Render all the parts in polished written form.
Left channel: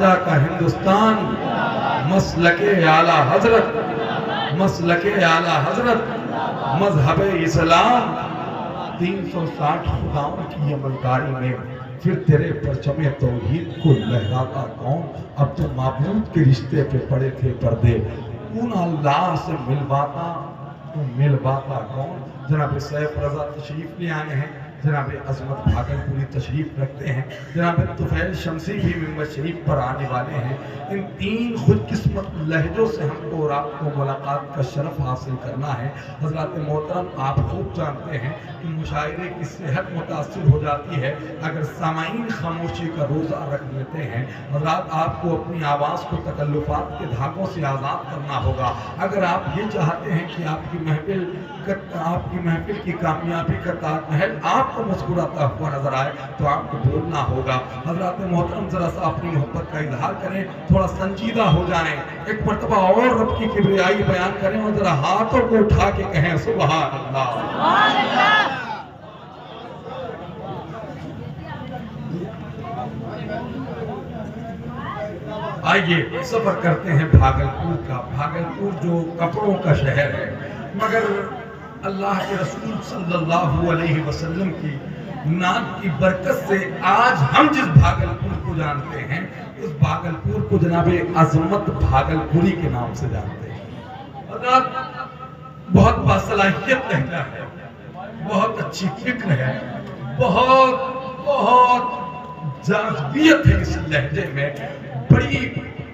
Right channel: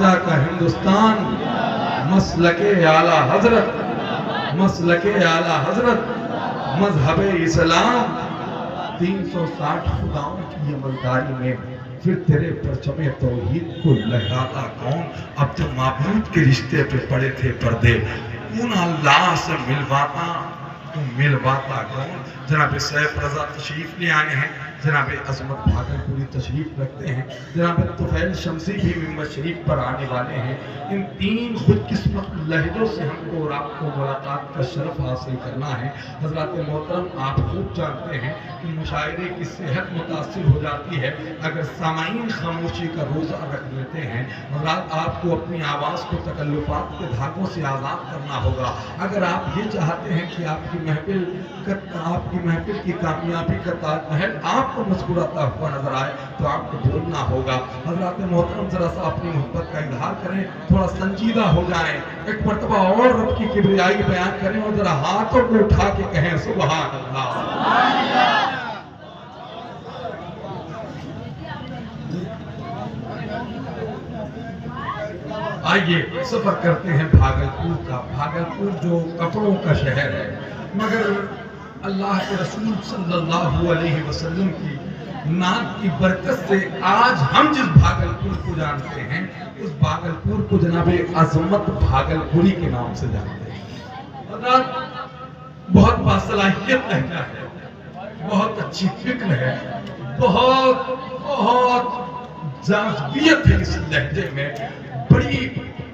ख्वाजा का हिंदुस्तान, मसलके आला हजरत, मसलके आला हजरत, मजहब इस्लाम, 360 खुदाओं की अमलदारी में फिर तेरे परचमे तौहीद को लहराता कौन। अब तो माबूद के रिश्ते पे पड़े थे पर्दे, कौन अल्लाह से मिलवाता तो मिलवाता कौन। जनाब सैफ रजा तशरीफ ले आए हैं, जनाब अजमत भागलपुरी तशरीफ रखते हैं, जनाब तुफैल शमसी भी मिंबर शरीफ पर आने वाले हैं। इन तीन खुदकिस्मत लहजों से हमको और आपको मुलाकात का शरफ हासिल करना है। हज़रात मोहतरम, आप खूब जानते हैं कि मुशायरे की सेहत मुतासिर हो जाती है अगर सामाईन खामोशी का रोज़ा रख लेते हैं। हज़रात, आपको अपनी आवाज़ को तकल्लुफ़ात के धागों से आज़ाद करना होगा। अगर आप ये चाहते हैं कि आपकी महफिल की कामयाबी का ताजमहल आपको मुस्कुराता हुआ नजर आए तो आपको बोलना होगा। हज़रात मोहतरम, जरा सा अपनी मोहब्बत का इजहार करें, थोड़ा संजीदा हो जाएं, एक मर्तबा और रब की किबरियाई बयान करें और जरा हाथों को उठा के कहें सुभान अल्लाह। आइए सफर करते हैं भागलपुर का। भागलपुर जो कपड़ों का शहर है, मगर अल्लाह के रसूल सल्लल्लाहु अलैहि वसल्लम की नात की बरकत से आज हम जिस भागलपुर को जानते हैं उस भागलपुर को जनाबे अजमत भागलपुरी के नाम से जानते हैं। और बहुत बासलाहियत लहजा है, बहुत अच्छी फिक्र है, बहुत जाज़बियत है इस लहजे में। बड़ी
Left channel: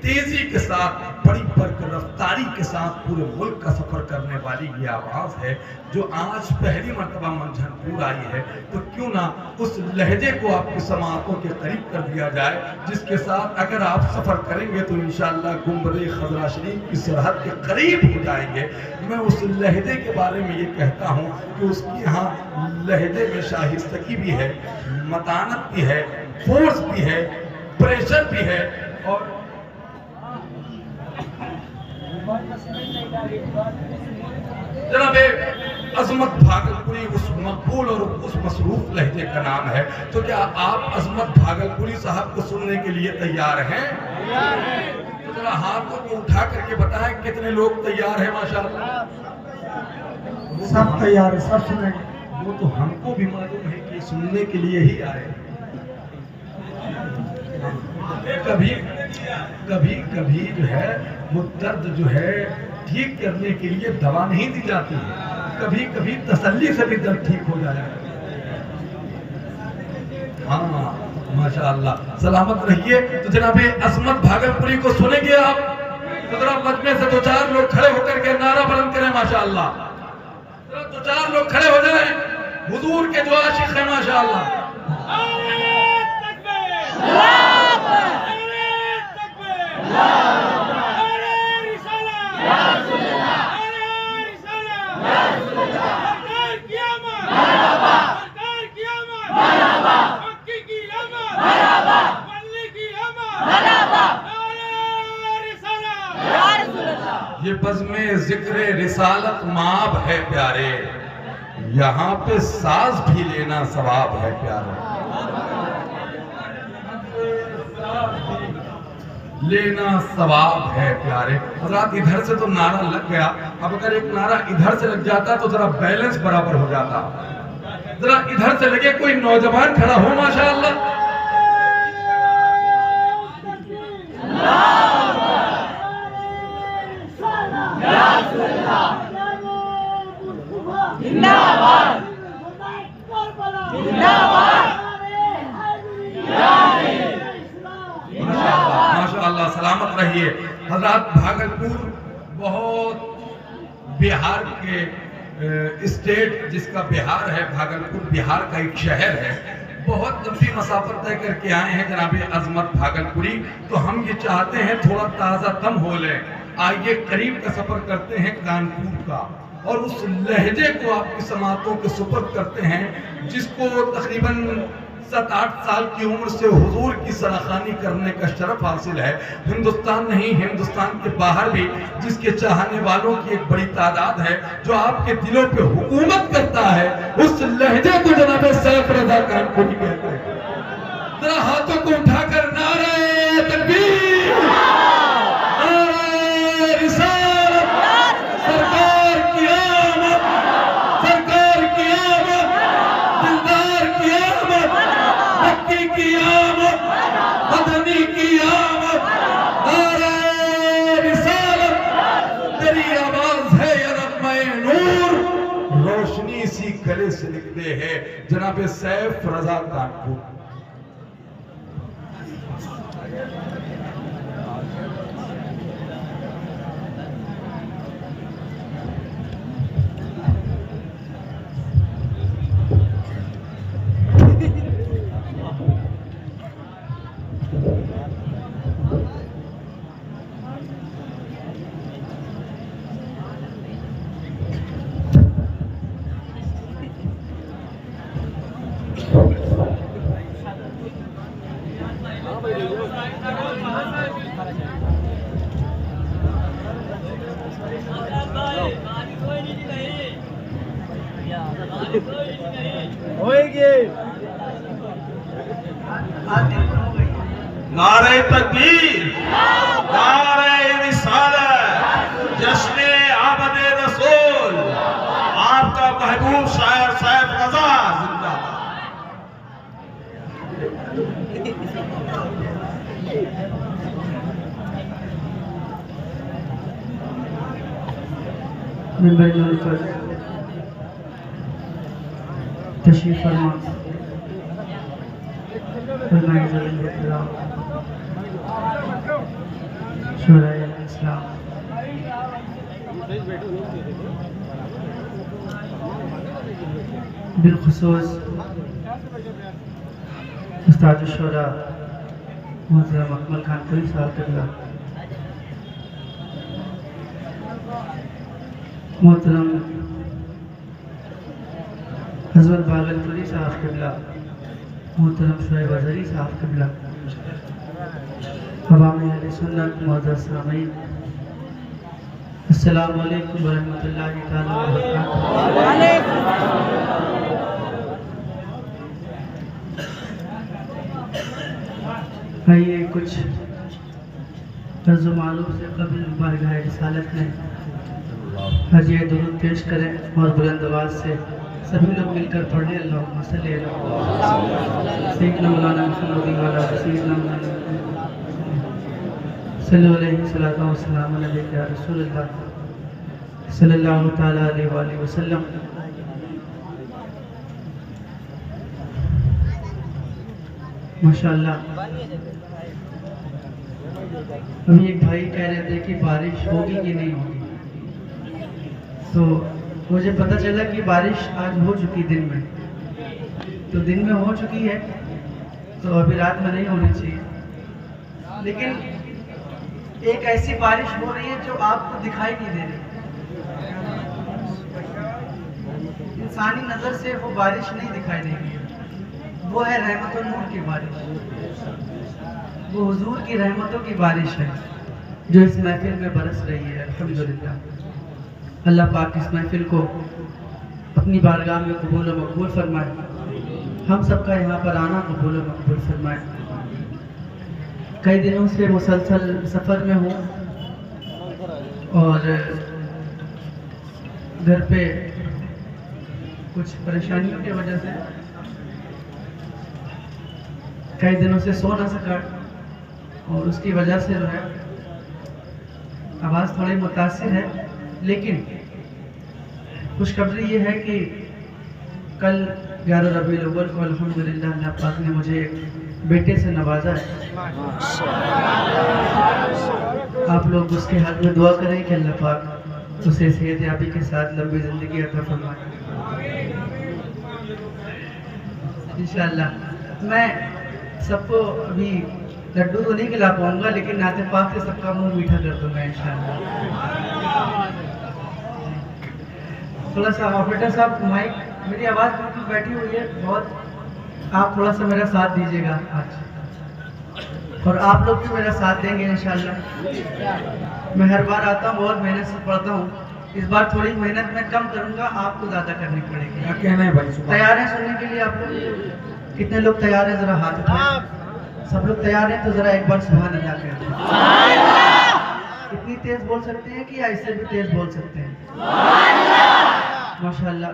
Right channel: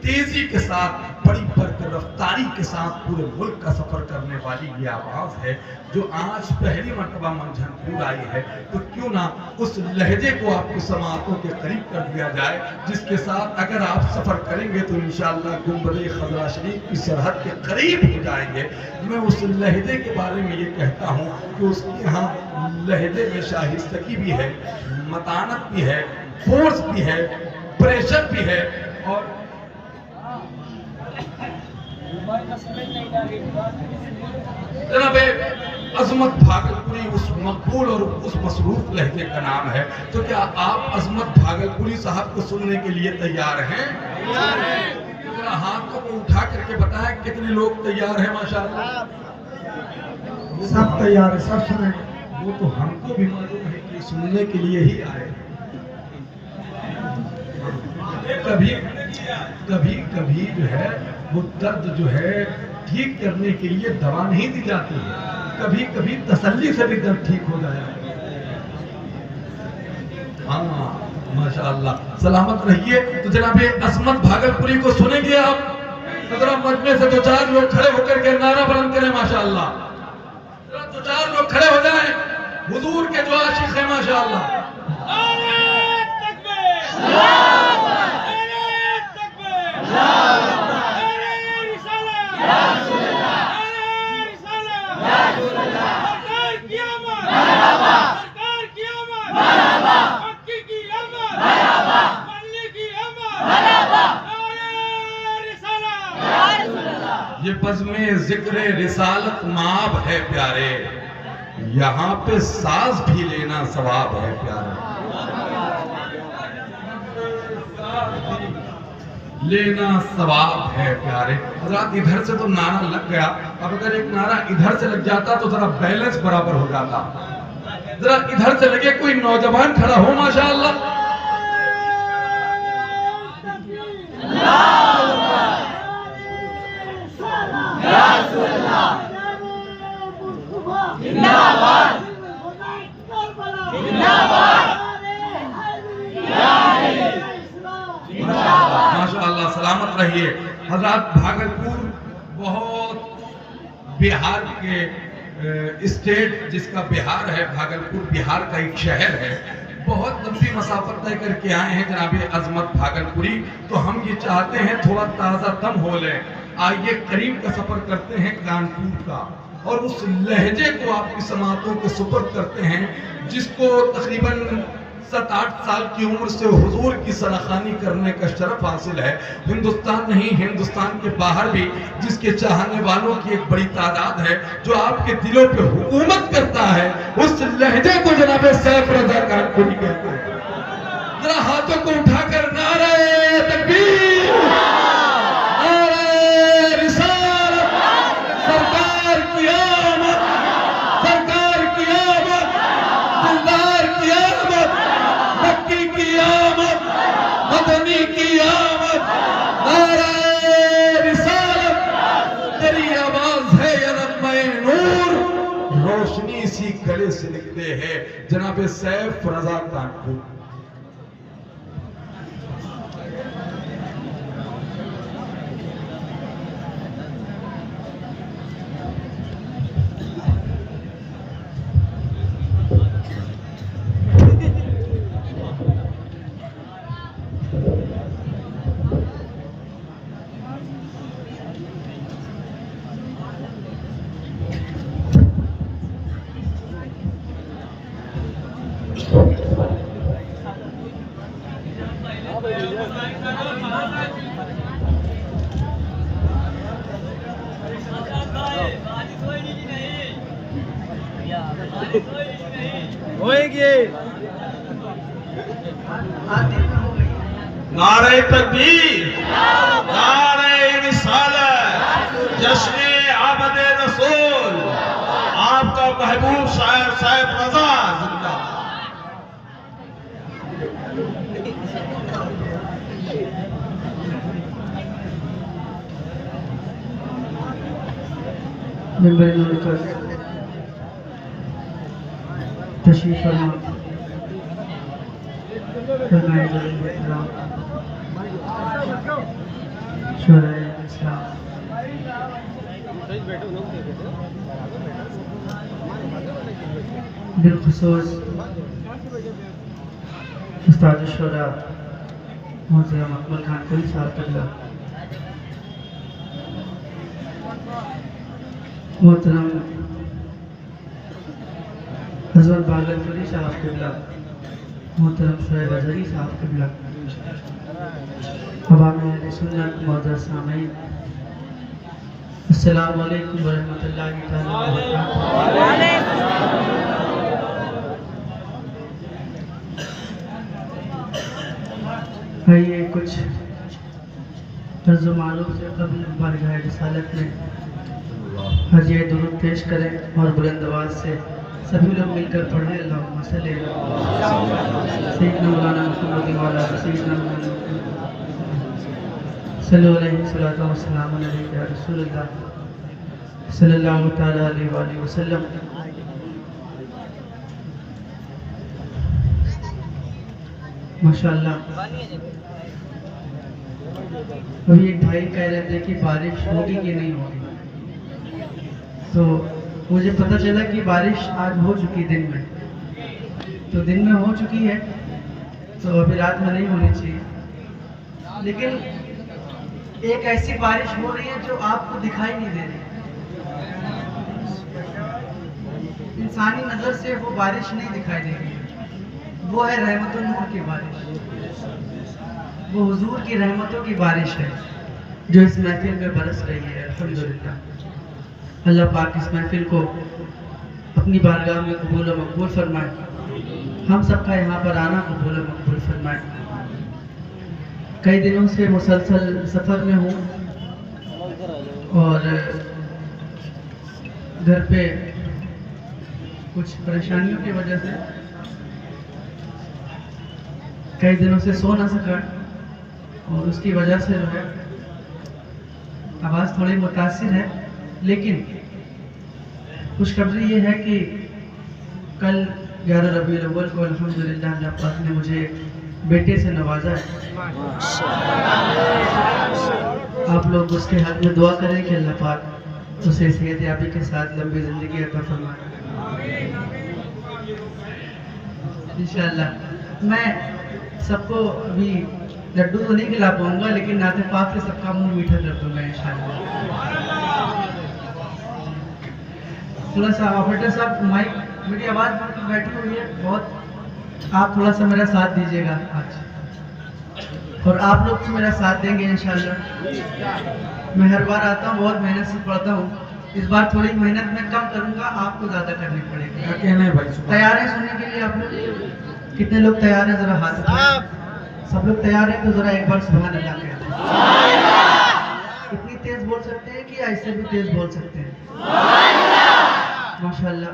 तेजी के साथ, बड़ी बरकरफ्तारी के साथ पूरे मुल्क का सफर करने वाली ये आवाज है जो आज पहली मर्तबा मंझनपुर आई है। तो क्यों ना उस लहजे को आपकी समातों के करीब कर दिया जाए, जिसके साथ अगर आप सफर करेंगे तो इंशाअल्लाह गुंबद खजरा शरीफ की सरहद के करीब हो जाएंगे। मैं उस लहजे के बारे में ये कहता हूँ कि उसके यहाँ लहजे में शाहिस्तगी भी है, मतानत भी है, फोर्स भी है, प्रेशर भी है। और जनाबे अजमत भागलपुरी उस मकबूल और उस मसरूफ लहजे का नाम है। तो क्या आप अजमत भागलपुरी साहब को सुनने के लिए तैयार हैं? जरा हाथों को उठा करके बताएं कितने लोग तैयार हैं। माशाअल्लाह सब तैयार है, सब सुने। वो तो हमको भी मालूम है कि सुनने के लिए ही आए। कभी जो है वो दर्द जो है ठीक करने के लिए दवा नहीं दी जाती है, कभी तसल्ली से भी दर्द ठीक हो जाए। हाँ माशाअल्लाह, सलामत रहिए। तो जनाबे अजमत भागलपुरी को सुनेंगे आप, तो जरा मजमे से दो चार लोग खड़े होकर के नारा बुलंद करें माशाअल्लाह। जरा दो चार लोग खड़े हो जाएं, हुजूर के जो आशिक है माशाअल्लाह। ये बज़्मे ज़िक्र रिसालत माब है प्यारे, यहाँ पे साज भी लेना सवाब है प्यारे, लेना सवाब है प्यारे। हज़रात इधर से तो नारा लग गया, अब अगर एक नारा इधर से लग जाता तो जरा बैलेंस बराबर हो जाता। जरा इधर से लगे कोई नौजवान खड़ा हो माशाअल्लाह। माशाअल्लाह, सलामत रहिए। हज़रात भागलपुर बहुत बिहार के स्टेट जिसका बिहार है, भागलपुर बिहार का एक शहर है, बहुत लंबी मसाफत तय करके आए हैं जनाबे अजमत भागलपुरी। तो हम ये चाहते हैं थोड़ा ताज़ा दम हो ले। आइए करीब का सफर करते हैं कानपुर का और उस लहजे को आपकी समातों के सुपुर्द करते हैं जिसको तकरीबन 7-8 साल की उम्र से हुजूर की सराखानी करने का शरफ हासिल है। हिंदुस्तान नहीं, हिंदुस्तान के बाहर भी जिसके चाहने वालों की एक बड़ी तादाद है, जो आपके दिलों पे हुकूमत करता है, उस लहजे को जनाब सैफ रजा कानपुरी कहते हैं। जरा हाथों को उठाकर नारे तकबीर। की आमद, नारे रिसालत, तेरी आवाज है या नग़्मे नूर, रोशनी सी गले से निकले है जनाब सैफ रजा कानपुर। नारे तकबीर, नारे रिसालत, जश्न आमद रसूल, आपका महबूब शायर सैफ रजा जिंदाबाद। तशरीफ फरमा बिलखुसूस उस्ताद शुरा मोहतरम अकमल खान कली साहब क़िबला, मोहतरम हज़रत भागलपुरी साहब क़िबला, मोहतरम शुएब अज़हरी साहब क़िबला, अवामी अहले सुन्नत मुअज़्ज़ज़ सामीन, अस्सलामु अलैकुम व रहमतुल्लाहि तआला व बरकातहू। आइए कुछ तर्ज़ मारूफ से कबल बारगाह रिसालत में हज़िया दुरूद पेश करें और बुलंद आवाज़ से सभी लोग मिलकर पढ़ें। अल्लाहुम्मा सल्ली अला सय्यिदना मौलाना मुहम्मद व अला सय्यिदना मुहम्मद सल्लल्लाहु अलैहि वसल्लम व सल्लम अलैहि या रसूलल्लाह सल्लल्लाहु तआला अलैहि व आलिहि वसल्लम। माशाअल्लाह, अभी एक भाई कह रहे थे कि बारिश होगी कि नहीं होगी, तो मुझे पता चला कि बारिश आज हो चुकी दिन में, तो दिन में हो चुकी है तो अभी रात में नहीं होनी चाहिए, लेकिन एक ऐसी बारिश हो रही है जो आपको दिखाई नहीं दे रही। इंसानी नज़र से वो बारिश नहीं दिखाई देगी, वो है रहमतुल नूर की बारिश, वो हुजूर की रहमतों की बारिश है जो इस महफिल में बरस रही है। अल्हम्दुलिल्लाह, अल्लाह पाक इस महफिल को अपनी बारगाह में कबूल व मकबूल फरमाए, हम सबका यहाँ पर आना कबूल व मकबूल फरमाए। कई दिनों से मुसलसल सफ़र में हूँ और घर पे कुछ परेशानियों की वजह से कई दिनों से सो ना सका और उसकी वजह से जो है आवाज़ थोड़ी मुतासिर है, लेकिन खुशखबरी ये है कि कल 11 रबीउल अव्वल को अल्हम्दुलिल्लाह अल्लाह पाक ने मुझे बेटे से नवाजा है। आप लोग उसके हाथ में दुआ करें कि अल्लाह पाक उसे सेहत याबी के साथ लंबी ज़िंदगी अता फरमाए इंशाअल्लाह। मैं सबको अभी लड्डू तो नहीं खिला पाऊंगा, लेकिन नाते पाक से सबका मुंह मीठा कर दूंगा इंशाअल्लाह। थोड़ा सा ऑपरेटर साहब, माइक, मेरी आवाज़ बिल्कुल बैठी हुई है बहुत, आप थोड़ा सा मेरा साथ दीजिएगा आज, और आप लोग भी मेरा साथ देंगे इंशाअल्लाह। मैं हर बार आता हूँ, बहुत मेहनत से पढ़ता हूँ, इस बार थोड़ी मेहनत मैं कम करूँगा, आपको ज़्यादा करनी पड़ेगी। क्या कहना है भाई? तैयार हैं सुनने के लिए आप लोग? कितने लोग तैयार हैं? ज़रा हाथ उठाएं। सब लोग तैयार हैं तो ज़रा एक बार सुभान अल्लाह कहें। इतनी तेज़ बोल सकते हैं कि ऐसे भी तेज़ बोल सकते हैं? माशाअल्लाह,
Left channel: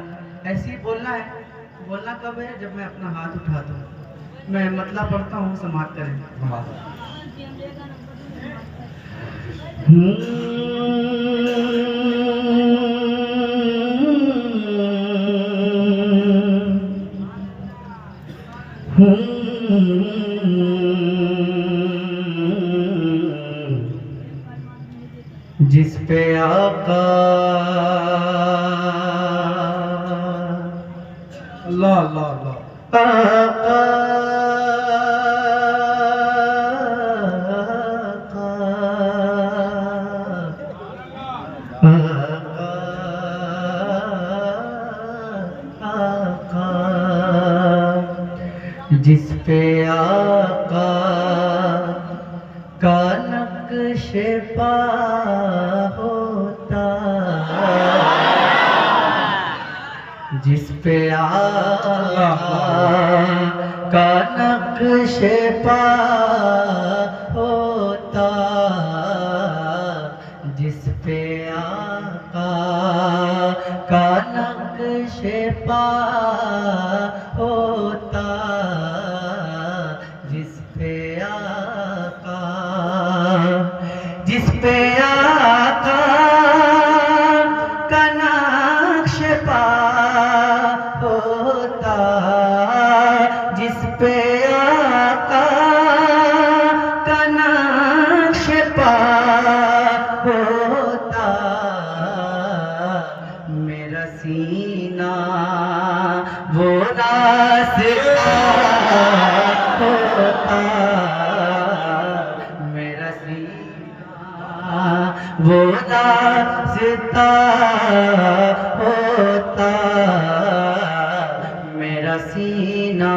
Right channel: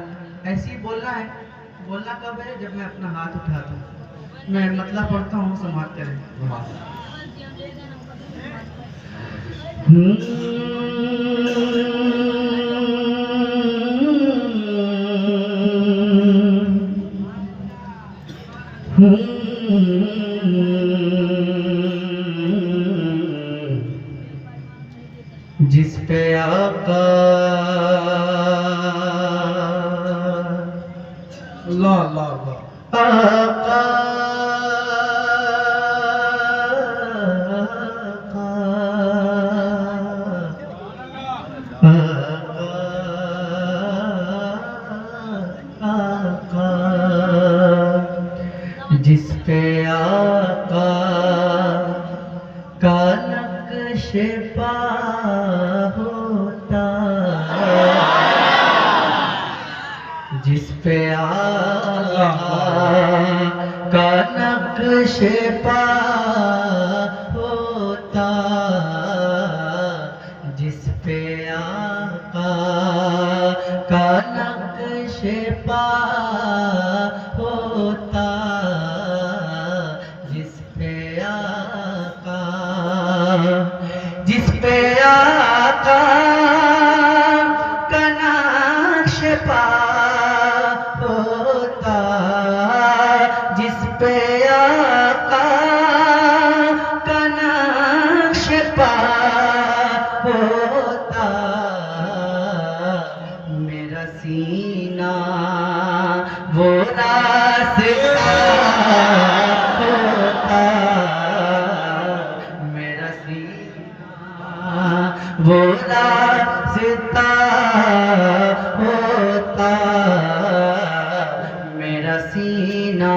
ऐसे ही बोलना है। बोलना कब है? जब मैं अपना हाथ उठाता हूँ। मैं मतलब पढ़ता हूँ, समाप्त करें। जिस पे आका अल्लाह अल्लाह अल्लाह आका जिस पे आका का नक्श पा होता, जिस पे आका का नक्श पा होता, जिस पे आका का नक्श पा होता, जिस पे आका, जिस पे आका का नक्श पा होता, जिस पे आका का नक्श पा होता, मेरा सीना वो रास्ता होता, मेरा सीना वो रास्ता होता, मेरा सीना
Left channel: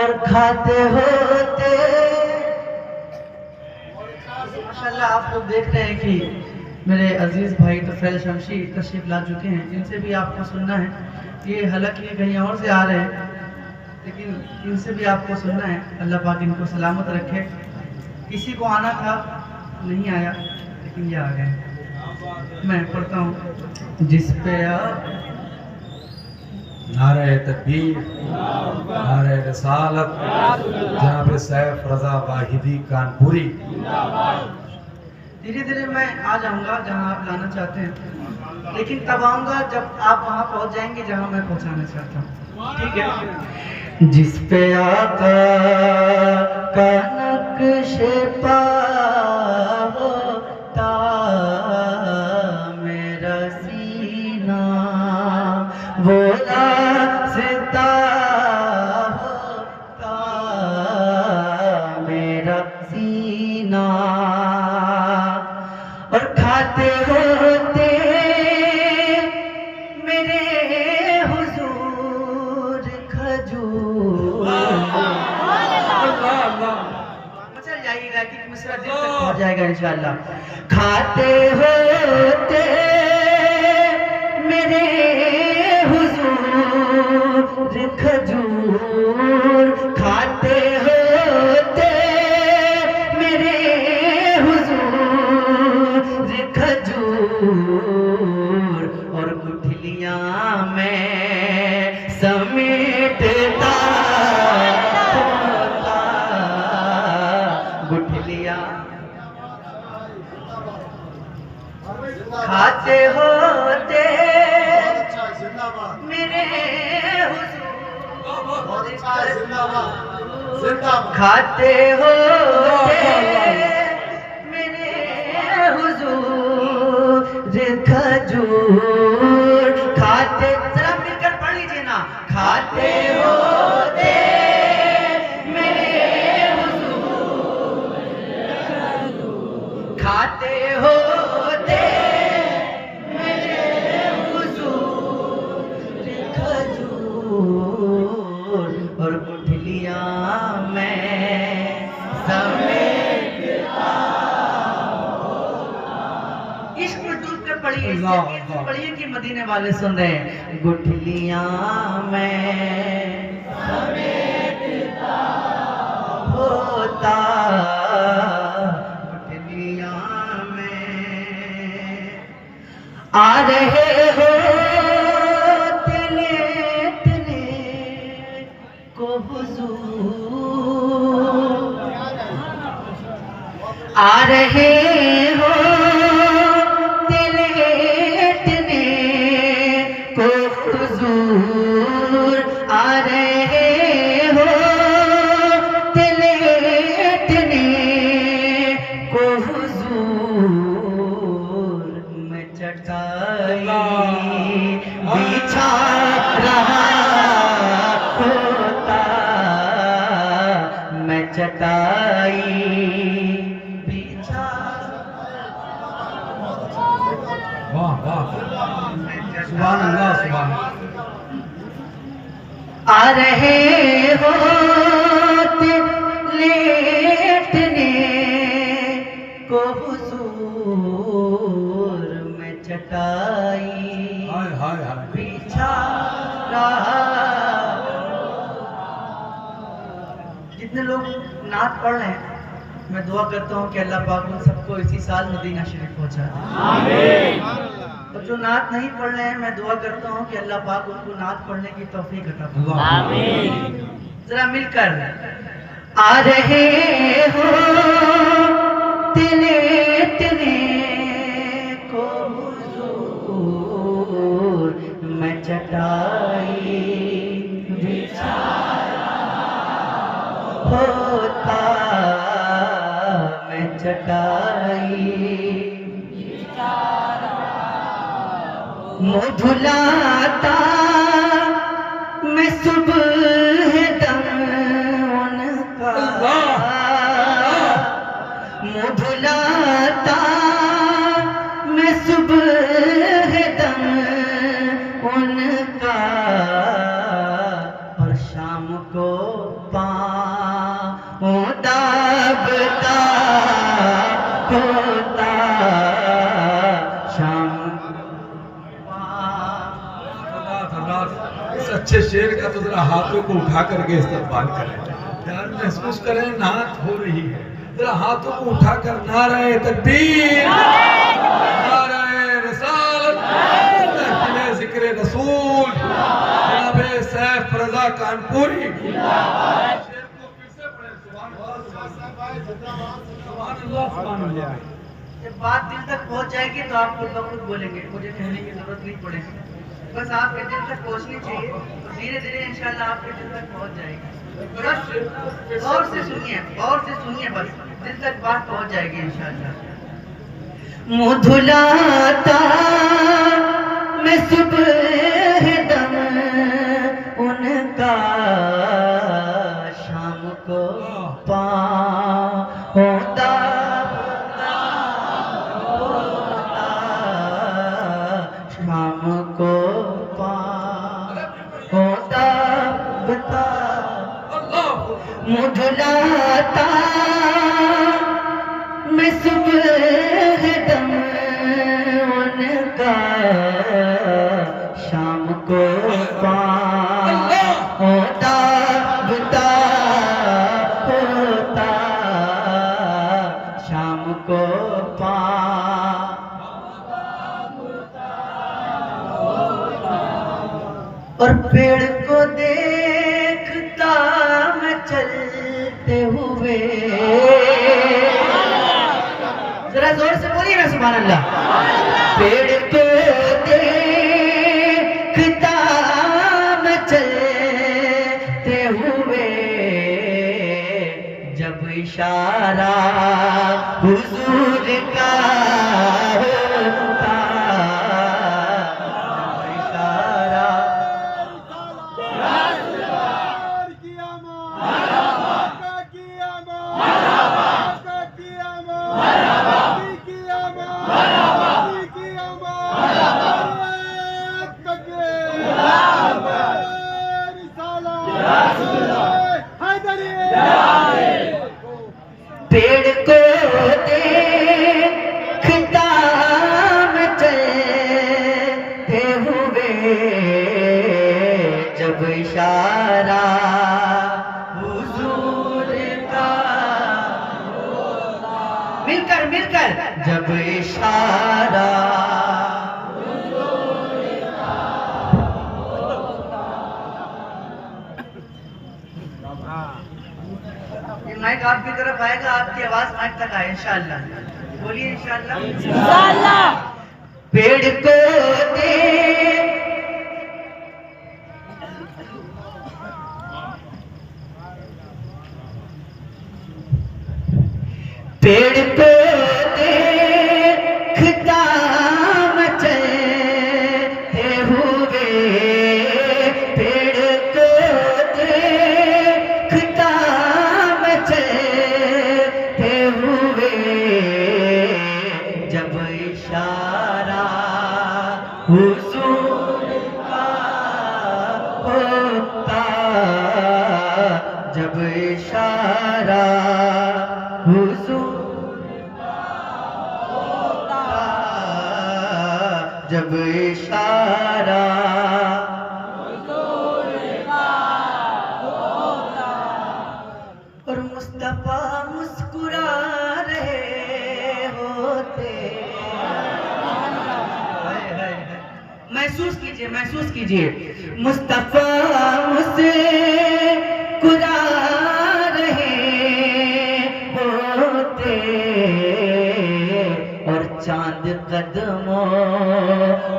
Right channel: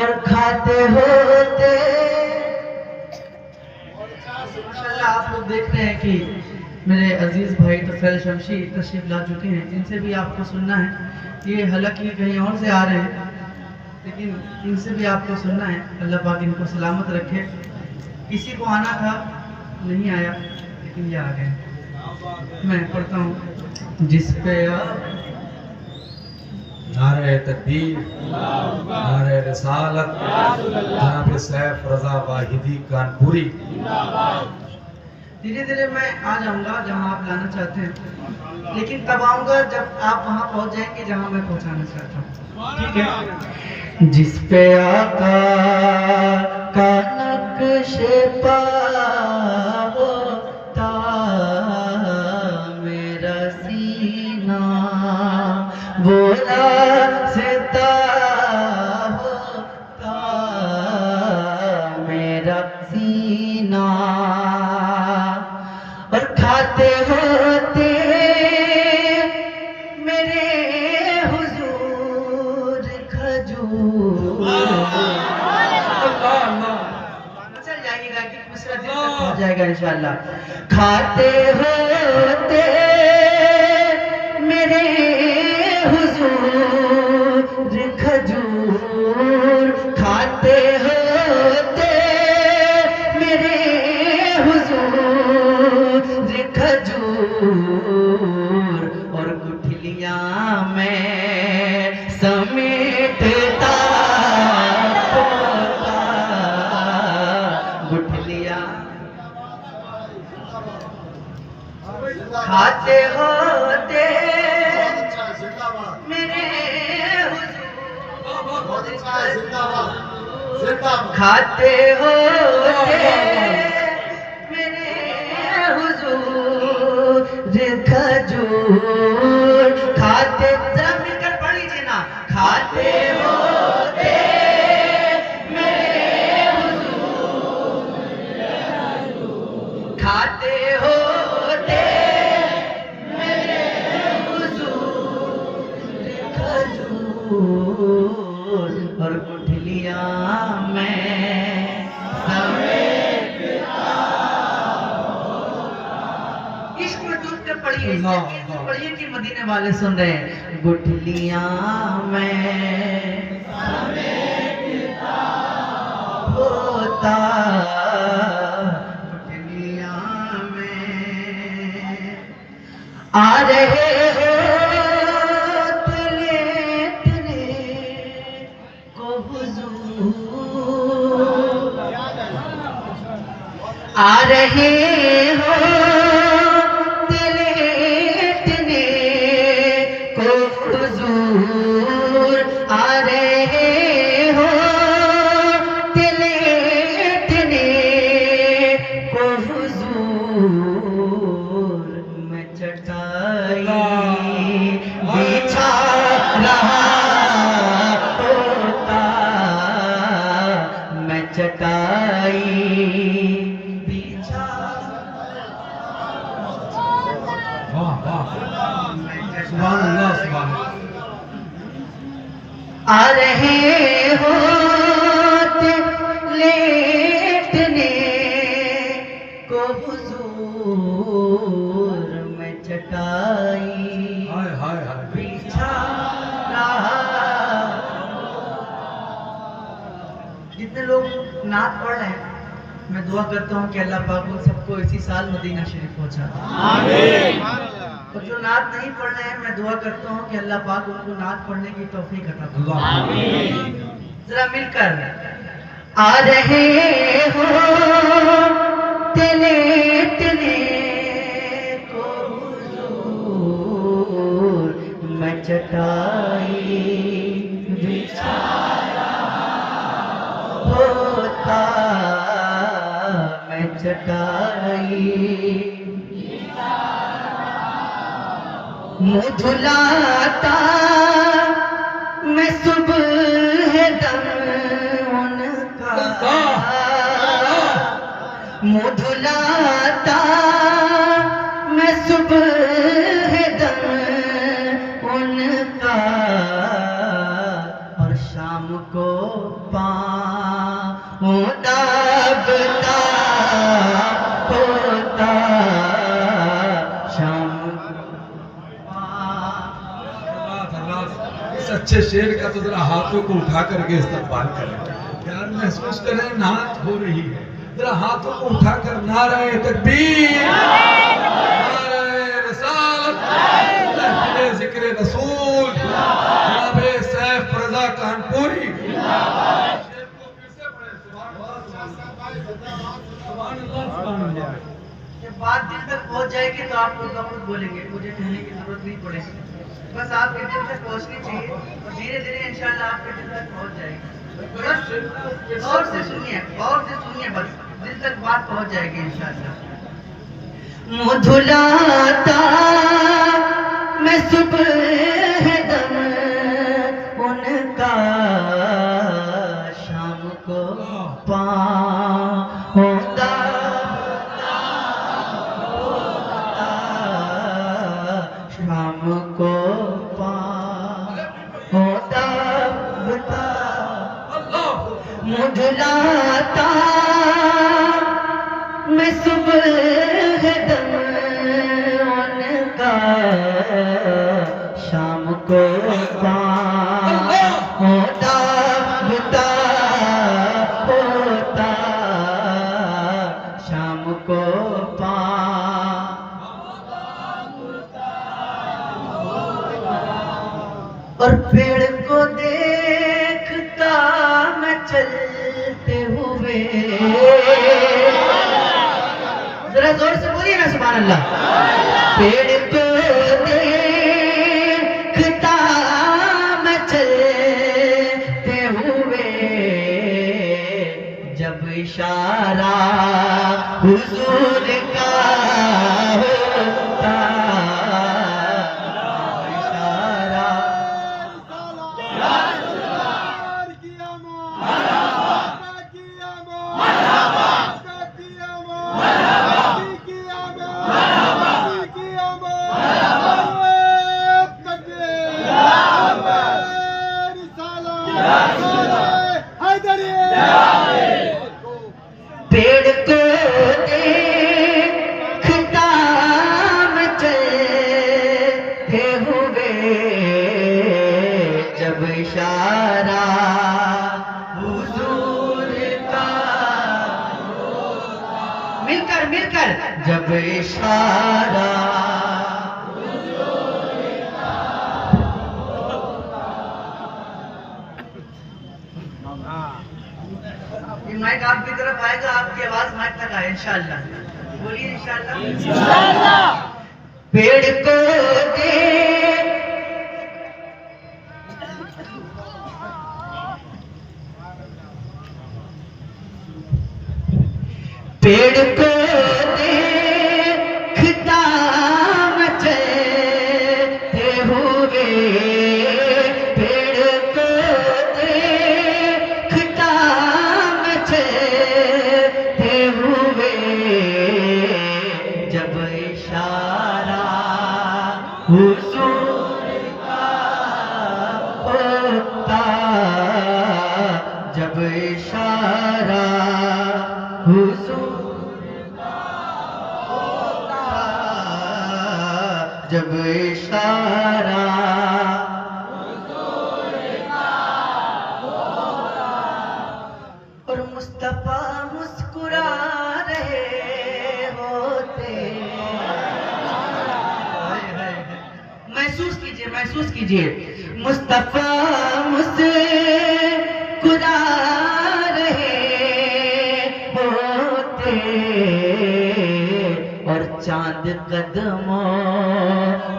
और खाते होते। माशाल्लाह आप लोग देख रहे हैं कि मेरे अजीज भाई तफैल शमशी तशरीफ ला चुके हैं, इनसे भी आपको सुनना है। ये हालांकि कहीं और से आ रहे हैं, लेकिन इनसे भी आपको सुनना है। अल्लाह पाक इनको सलामत रखे। किसी को आना था नहीं आया, लेकिन ये आ गए। मैं पढ़ता हूँ। जिस पे नारे तकबीर, नारे रिसालत, जनाब सैफ रजा वाहिदी कानपुरी। धीरे धीरे मैं आ जाऊंगा जहां आप लाना चाहते हैं, लेकिन तब आऊंगा जब आप वहां पहुंच जाएंगे जहां मैं पहुंचाना चाहता हूँ। ठीक है। जिस पे आका का नक्श पा होता, मेरा सीना वो रास्ता होता, मेरा सीना और खाते होते मेरे हुजूर खजूर। चल जाइएगा कि मिश्रा दिल तक पहुंच जाएगा इंशाल्लाह। खाते होते मेरे हुजूर खजूर, खाते होते मेरे हुजूर खजूर, और गुठलियां में समेटता होता, गुठलियां खाते होते मेरे हुजूर खाते होते मेरे हुजूर खजूर, खाते जरा मिलकर पढ़ लीजिए ना। खाते होते मेरे हुजूर खाते होते मेरे हुजूर खजूर, और गुठलियां में समेटता। इश्क में डूब कर पढ़िए, इसलिए पढ़िए कि मदीने वाले सुन रहे हैं। गुठलियां में समेटता होता, गुठलियां में आ रहे हो आ रहे हो लेटने को हुजूर, आ रहे हो लेटने को हुजूर, मैं चटाई बिछा रहा होता, मैं चटाई वाह वाह, सुभान अल्लाह, सुभान अल्लाह। आ रहे हो लेटने को हुजूर, मैं चटाई हाय हाय हाय, बिछा रहा। जितने लोग नात पढ़ रहे हैं, मैं दुआ करता हूँ कि अल्लाह पाक उन सबको इसी साल मदीना शरीफ पहुंचा दे। तो जो नात नहीं पढ़ रहे हैं, मैं दुआ करता हूँ कि अल्लाह पाक उनको नात पढ़ने की तौफीक अता फरमाए। जरा मिलकर आ रहे हो लेटने को हुजूर, मैं चटाई बिछा होता, मैं चटाई मुँह धुलाता, मैं सुबह दम उनका, मुँह धुलाता, मैं सुबह दम उनका, और शाम को पाँव दाबता होता, शाम इस अच्छे शेर का तो जरा हाथों को उठा करके इस्तेमाल करें, यार महसूस करें नात हो रही है, जरा हाथों को उठाकर नारे तकबीर, नारे रिसालत, महफिले जिक्र रसूल, जनाब सैफ रजा कानपुरी। जब बात दिल तक पहुंच जाएगी तो आप लोग खुद बोलेंगे, मुझे कहने की जरूरत नहीं पड़ेगी, बस आपके दिल तक पहुंचनी चाहिए और धीरे धीरे इंशाल्लाह आपके दिल तक पहुंच जाएगी। बस गौर से सुनिए, बस दिल तक बात पहुंच जाएगी इंशाल्लाह। मुँह धुलाता, मैं सुबह दम उनका, शाम को पाँव दाबता होता, शाम को पाँव दाबता, मुँह धुलाता, मैं सुबह दम उनका, शाम को पाँव दाबता होता, शाम को और पेड़ को देखता मैं चलते हुए, जरा जोर से बोलिए ना सुभान अल्लाह। पेड़ को देखता मैं चलते हुए, जब इशारा हुजूर का होता, इशारा पेड़ को देखता मैं चलते हुए, जब इशारा हुजूर का, मिलकर जब इशारा, ये माइक आप आपकी तरफ आएगा, आपकी आवाज माइक तक आए इंशाअल्लाह। बोलिए इंशाअल्लाह। पेड़ को दे पेड़ को देखता चलते हुए, पेड़ को देखता चलते हुए, जब इशारा हुजूर का होता, जब इशारा हुजूर जब इशारा और मुस्तफा मुस्कुरा रहे होते। महसूस कीजिए, महसूस कीजिए, मुस्तफा मुस्कुरा रहे होते और चांद कदमों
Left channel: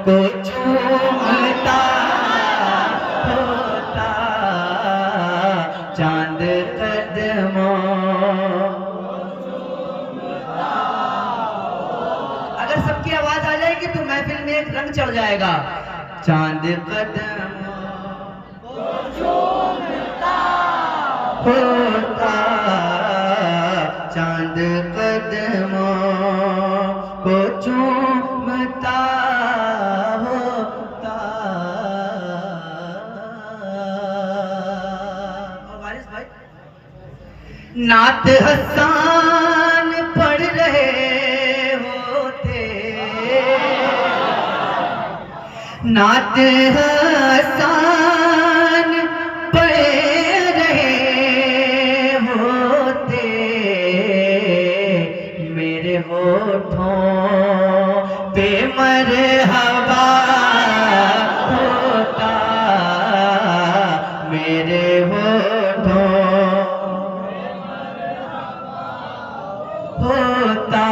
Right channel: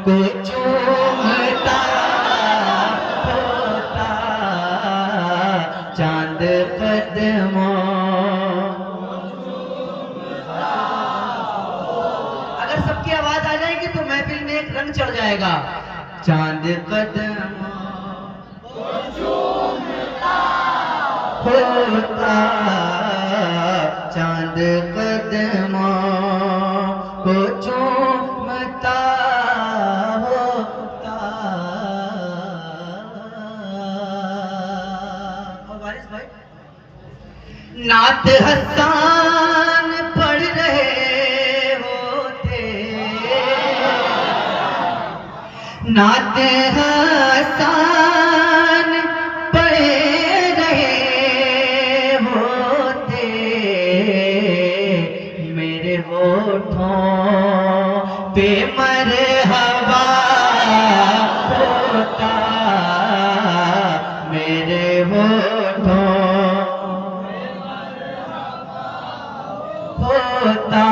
को चूमता होता, चांद कदमों। अगर सबकी आवाज आ जाएगी तो महफिल में एक रंग चढ़ जाएगा। चांद कदमों को चूमता होता, चांद कदमों को चूमता होता। और वारिस भाई, नात हसान पढ़ रहे होते, नात हसान पढ़ रहे होते, मेरे होठों पे मरहबा होता, मेरे होठों होता,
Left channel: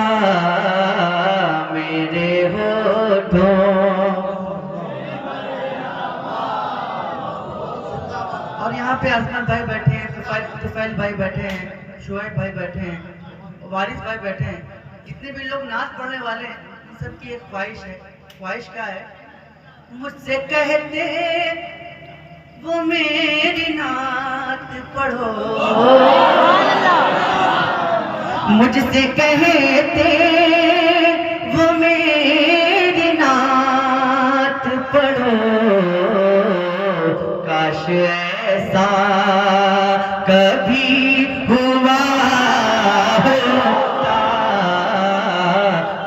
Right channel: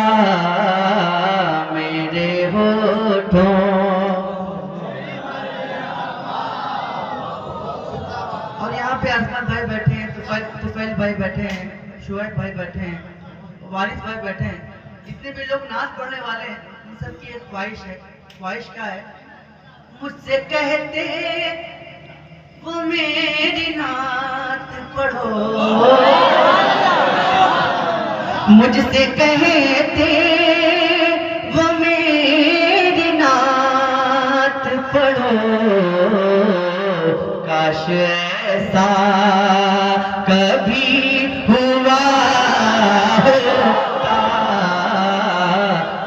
मेरे होठों। और यहाँ पे आसमान भाई बैठे हैं, तुफैल भाई बैठे हैं, शुएब भाई बैठे हैं, वारिस भाई बैठे हैं। जितने भी लोग नाच पढ़ने वाले हैं, इन सबकी एक ख्वाहिश है। ख्वाहिश क्या है? मुझसे कहते वो मेरी नात पढ़ो, मुझसे कहते वो मेरी नात पढ़ो। काश ऐसा कभी हुआ होता,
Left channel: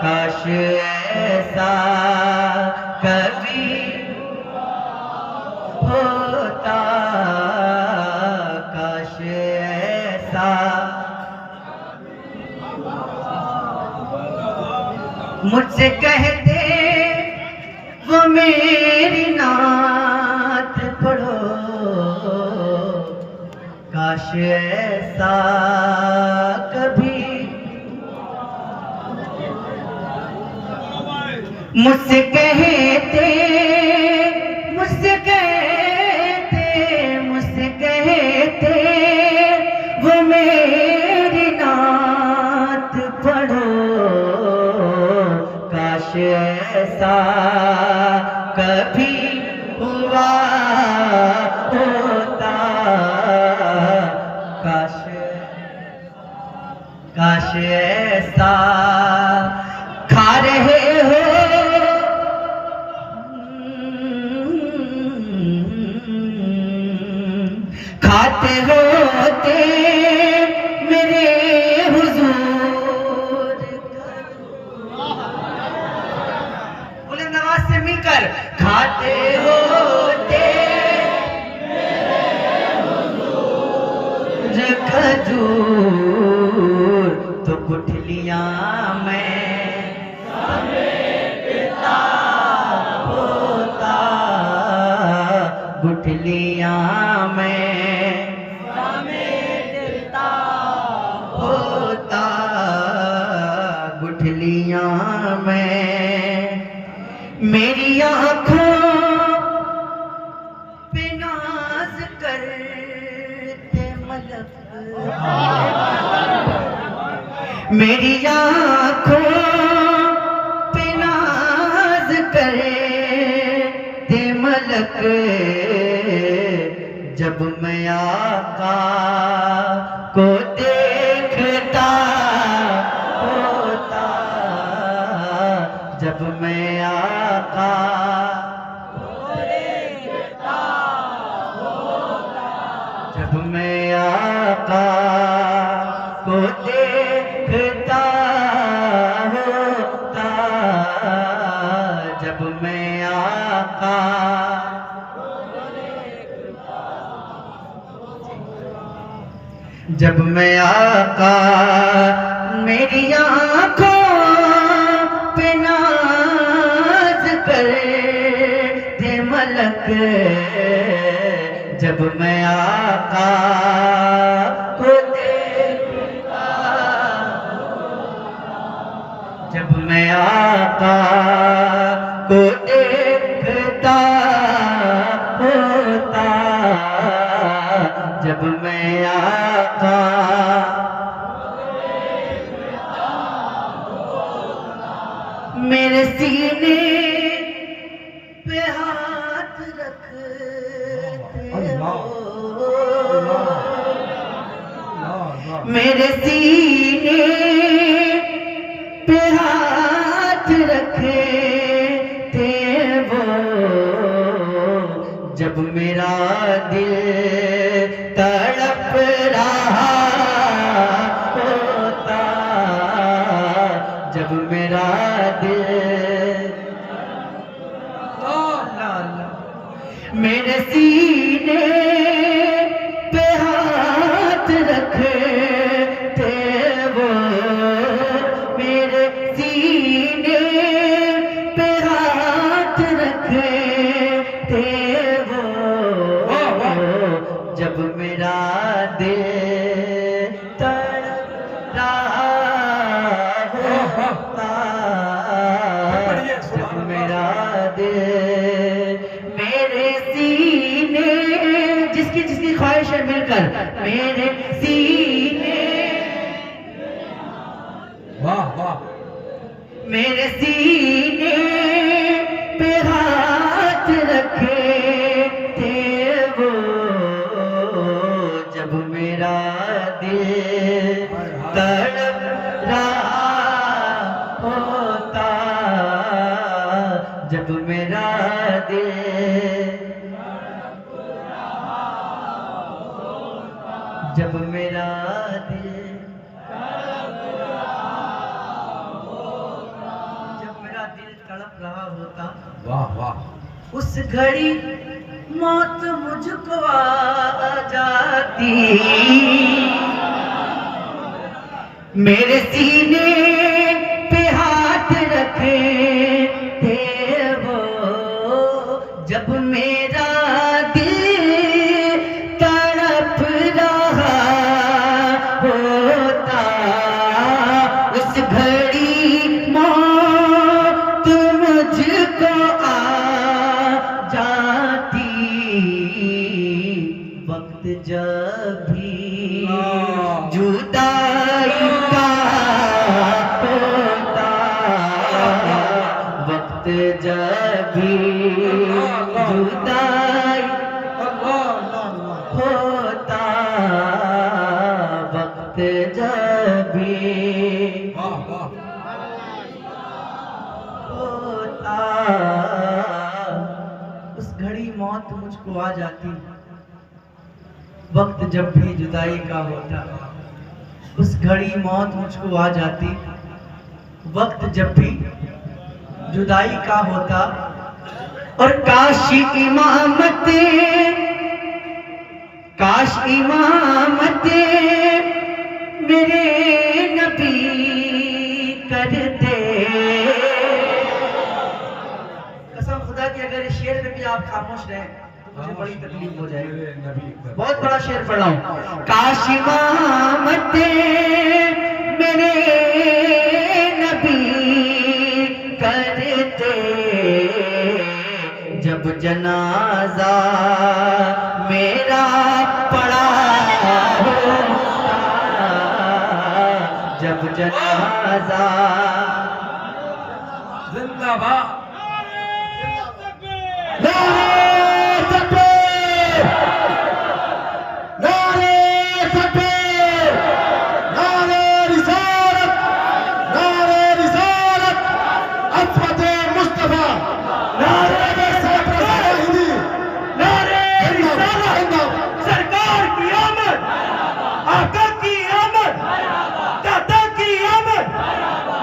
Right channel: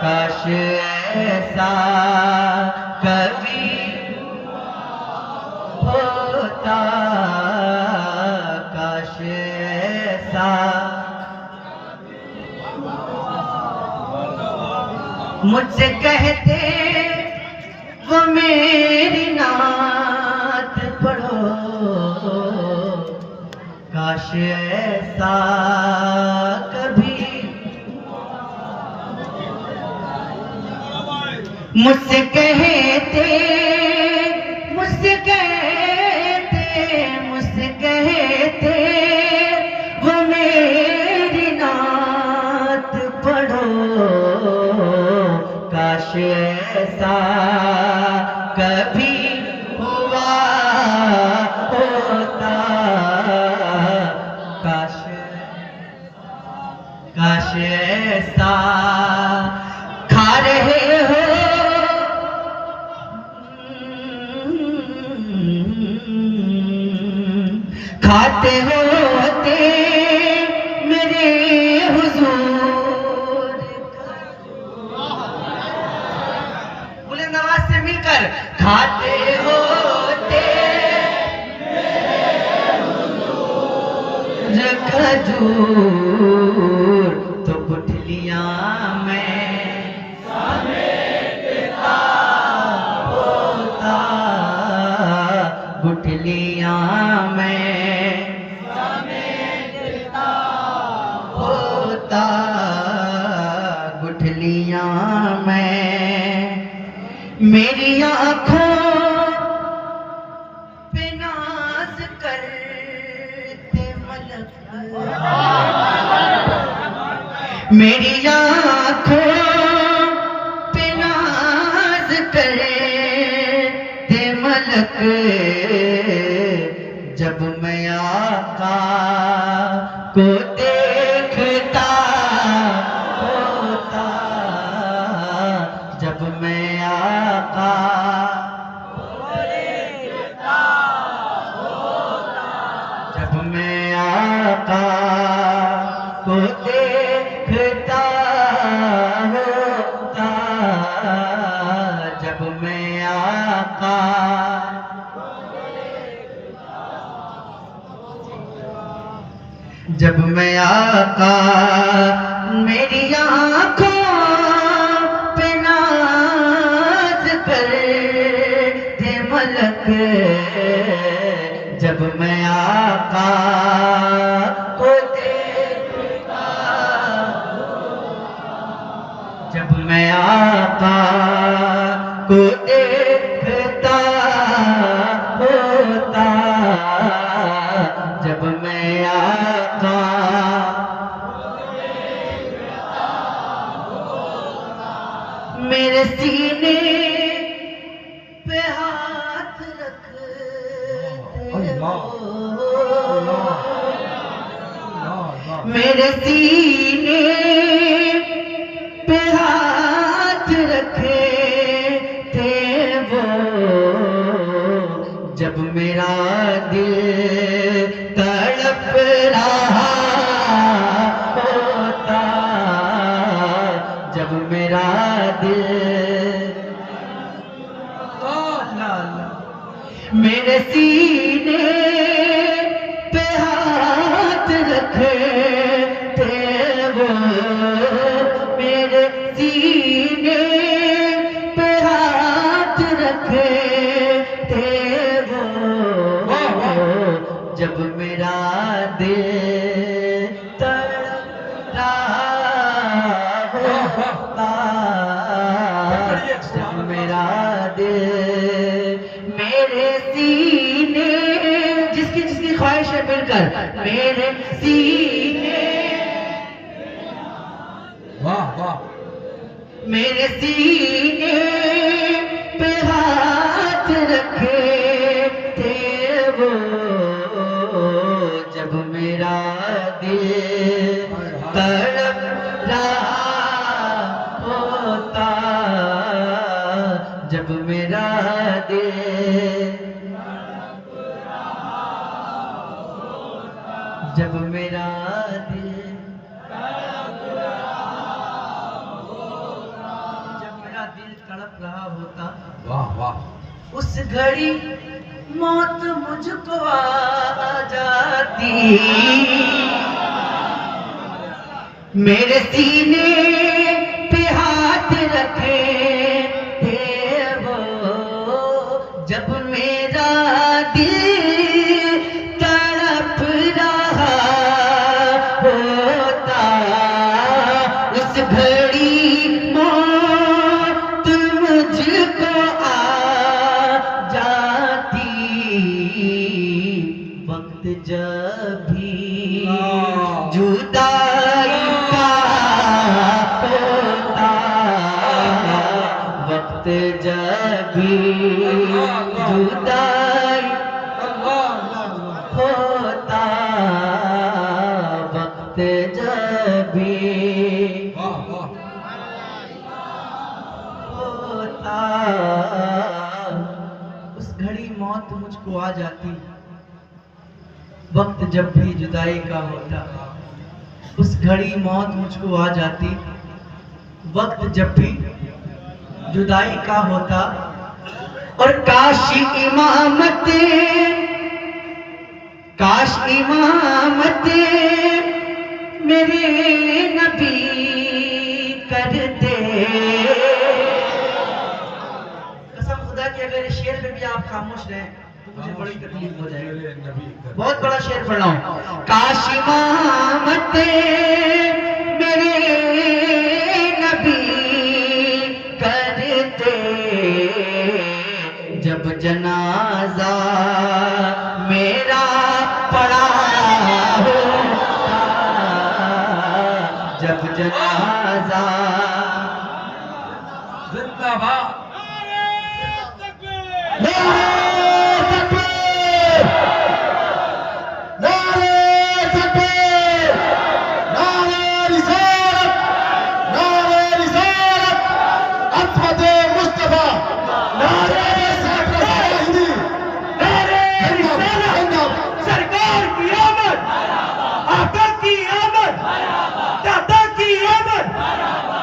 काश ऐसा कभी होता, काश ऐसा। मुझसे कहते वो मेरी नात पढ़ो, काश ऐसा कभी। मुझसे कहते, मुझसे कहते, मुझसे कहते वो मेरी नात पढ़ो, काश ऐसा कभी हुआ होता, काश काश ऐसा। खा रहे हो खाते होते मेरे हुजूर, बुलंद आवाज से मिलकर, खाते होते मेरे खजूर, तो गुठलियां में समेटता होता, गुठलियां में समेटता मेरी आँखों पे नाज करते मलक, मेरी आँखों पे नाज करते मलक, जब मैं आका को देखता होता, जब मैं आका जब मैं आका को देखता होता, जब मैं आका जब मैं आका मेरी आँखों पे नाज करते मलक, जब मैं आका को देखता, जब मैं आका को देखता होता, जब मैं आका मेरे सीने पे हाथ रखते हो, मेरे सीने पे हाथ रखते वो, जब मेरा दिल तड़प रहा होता, जब मेरा दिल मेरे सीने पे हाथ रखते वो, मेरे सीने पे हाथ रखते वो, जब मेरा दिल तड़प रहा होता, जब मेरा दिल मेरे सीने जिसकी जिसकी ख्वाहिश है मिलकर मेरे सीने वाह वाह मेरे सीने पे हाथ रखते वो, जब मेरा दिल तड़प रहा होता, जब मेरा दिल जब मेरा दिल तड़प रहा होता, वाह वाह उस घड़ी मौत मुझको आ जाती, मेरे सीने पे हाथ रखे थे वो, जब मेरा दिल तड़प रहा होता, उस घड़ी मौत मुझको आ जाती, वक्त जब भी जुदाई का होता, वक्त जब भी जुदाई होता, वक्त जब भी होता, उस घड़ी मौत मुझको आ जाती, वक्त जब भी जुदाई का होता, उस घड़ी मौत मुझको आ जाती, वक्त जब भी जुदाई का होता, और काश इमामत मेरे नबी करते, कसम खुदा की अगर इस शेर पे भी आप खामोश रहे तो मुझे बड़ी तकलीफ हो जाएगी। बहुत बड़ा शेर पढ़ रहा हूँ। काश इमामत मेरे नबी करते, जनाजा मेरा पड़ा होता, जब जनाजा जिंदाबाद। नारे तकबीर, नारे तकबीर, नारे रिसालत, नारे रिसालत, अज़मत मुस्तफा, नारे हिंदी, नारे रिसालत, सरकार की आमद, आका की आमद, दादा की आमद,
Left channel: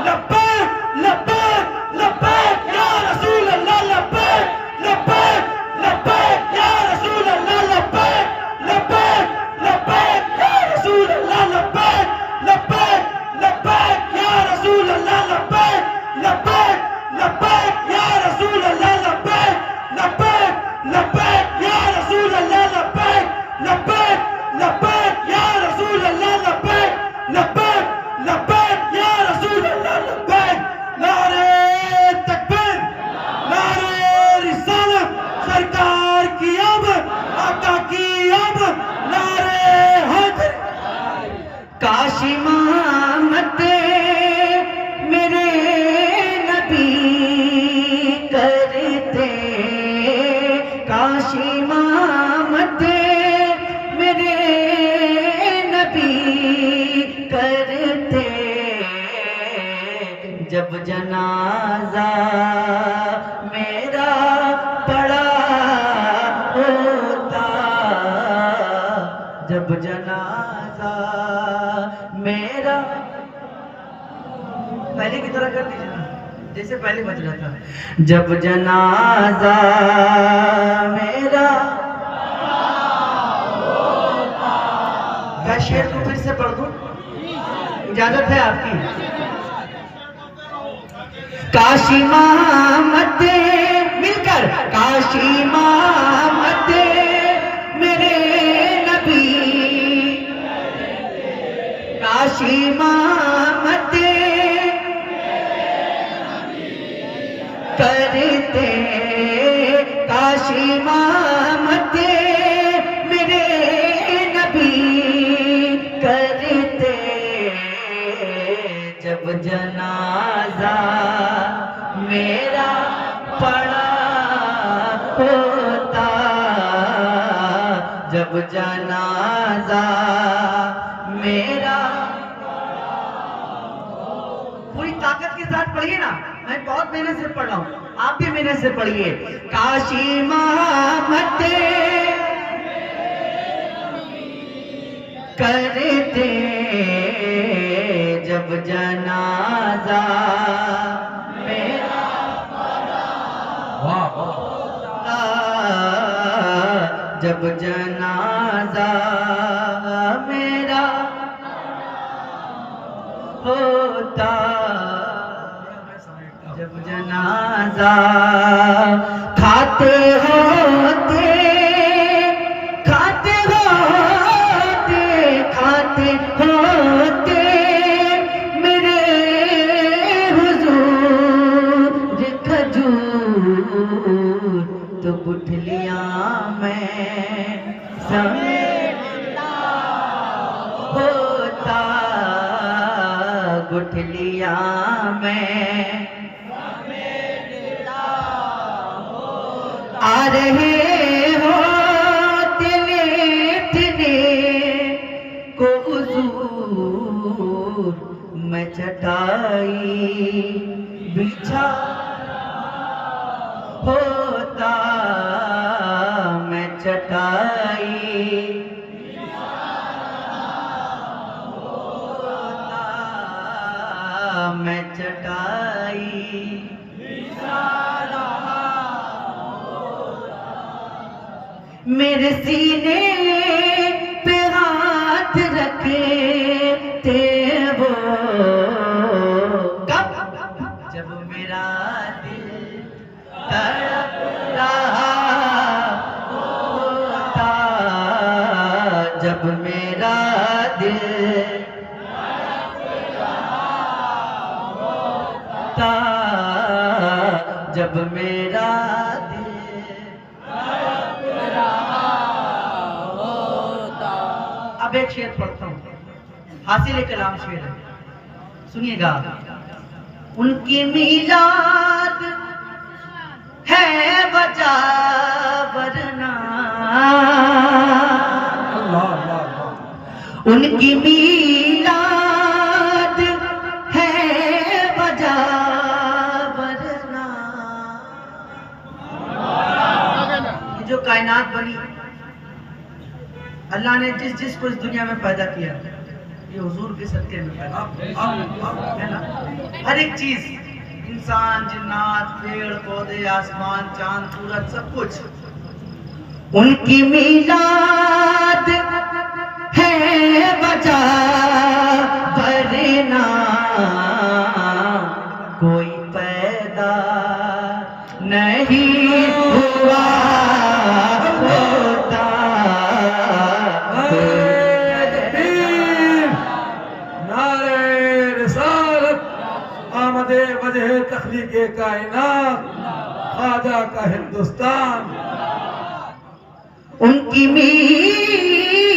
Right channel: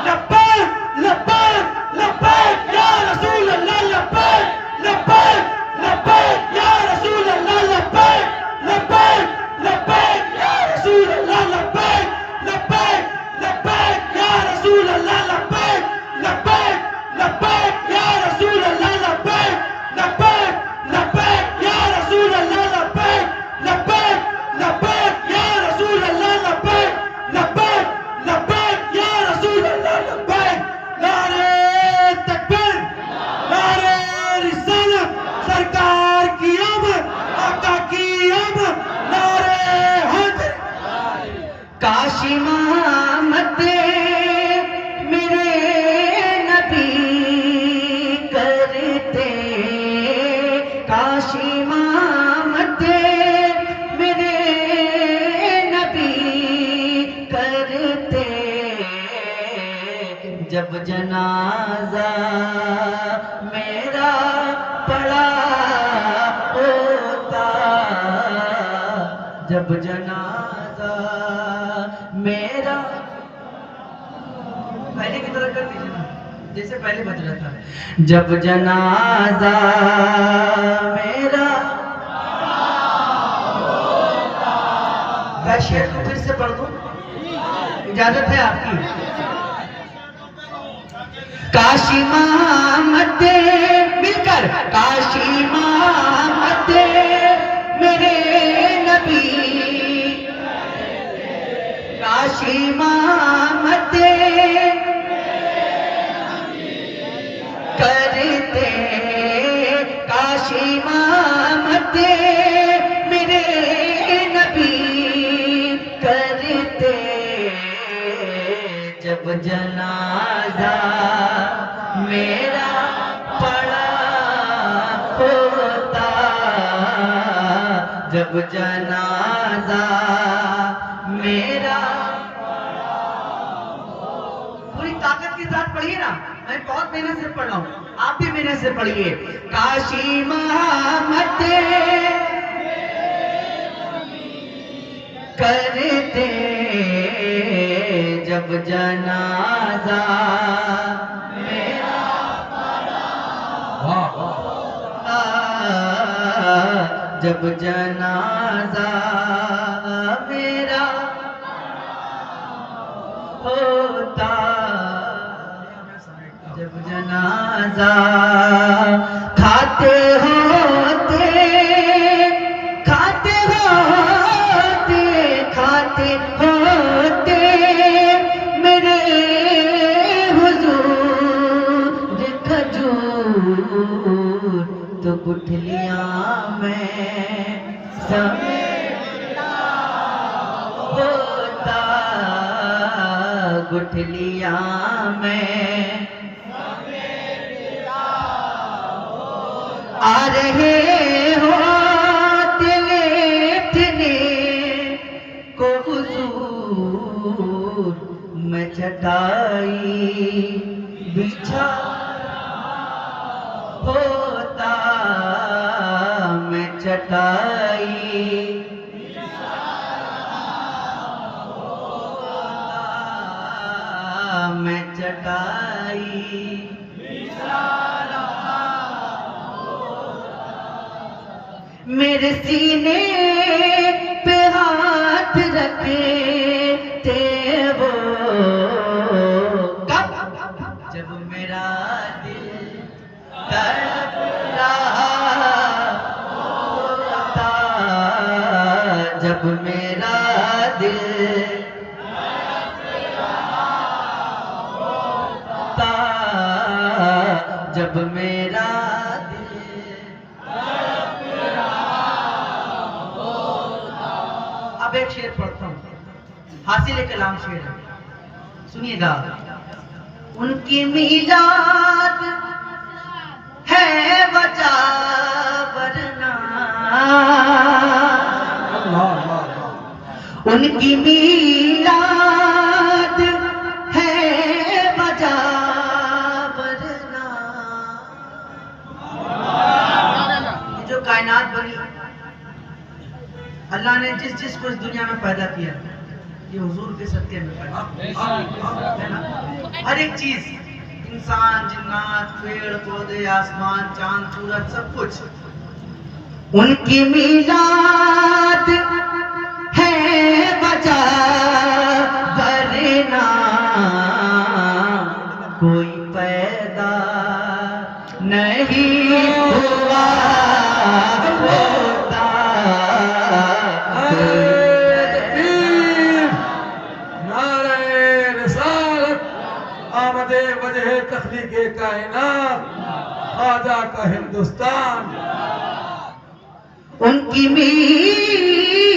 लब्बैक लब्बैक लब्बैक या रसूल अल्लाह, लब्बैक लब्बैक लब्बैक या रसूल अल्लाह, लब्बैक लब्बैक लब्बैक या रसूल अल्लाह, लब्बैक लब्बैक लब्बैक या रसूल अल्लाह, लब्बैक लब्बैक लब्बैक या रसूल अल्लाह, लब्बैक लब्बैक लब्बैक या रसूल अल्लाह, लब्बैक लब्बैक लब्बैक या रसूल अल्लाह, लब्बैक लब्बैक लब्बैक या रसूल अल्लाह, लब्बैक। नारे तकबीर, नारे रिसालत, सरकार की आमद, आका की आमद, नारे हैदर। काशी मोहम्मद मेरे नबी करते, काशी मोहम्मद मेरे नबी करते, जब जनाजा मेरा पड़ा होता, जब जनाजा मेरा। पहले की तरह कर दीजिए ना, जैसे पहले बज रहा था। जब जनाजा मेरा मैं शेर को फिर से पढ़ दूं, इजाजत है आपकी। काशी मोहम्मद मिलकर, काशी मोहम्मद मेरे नबी, काशी मोहम्मद करते, काशी मोहम्मद मेरे नबी करते, जब जनाजा मेरा पड़ा होता, जब जनाजा मेरा। पूरी ताकत के साथ पढ़िए ना, मैं बहुत मेहनत से पढ़ रहा हूँ, आप भी मेहनत से पढ़िए। काशी मोहम्मद करते, जब जनाजा मेरा वाह वाह। जब जनाजा मेरा होता, जब जनाजा खाते होते, खाते होते, खाते होते मेरे हुजूर खजूर, तो गुठलियां में समेटा होता, गुठलियां में आ रहे हो लेटने को हुजूर, मैं चटाई बिछा होता, मैं चटाई होता, मैं चटाई मेरे सीने पे हाथ रखे थे वो, कब? जब मेरा दिल तड़प रहा होता, जब मेरा दिल तड़प रहा होता, जब मेरा दिल अब एक शेर पढ़ता हूँ, हासिल कलाम शेर है, सुनिएगा। उनकी मीलाद है वजह वरना, उनकी मीलाद है वजह वरना। ये जो कायनात बनी, अल्लाह ने जिस जिस को इस दुनिया में पैदा किया, ये हुजूर के सदके में पैदा है ना। हर एक चीज, इंसान, जिन्नात, पेड़ पौधे, आसमान, चांद, सूरज, सब कुछ उनकी मीलाद है वजह वरना कोई पैदा नहीं हुआ होता। तखलीक़े कायनात, ख्वाजा का हिंदुस्तान। उनकी मीलाद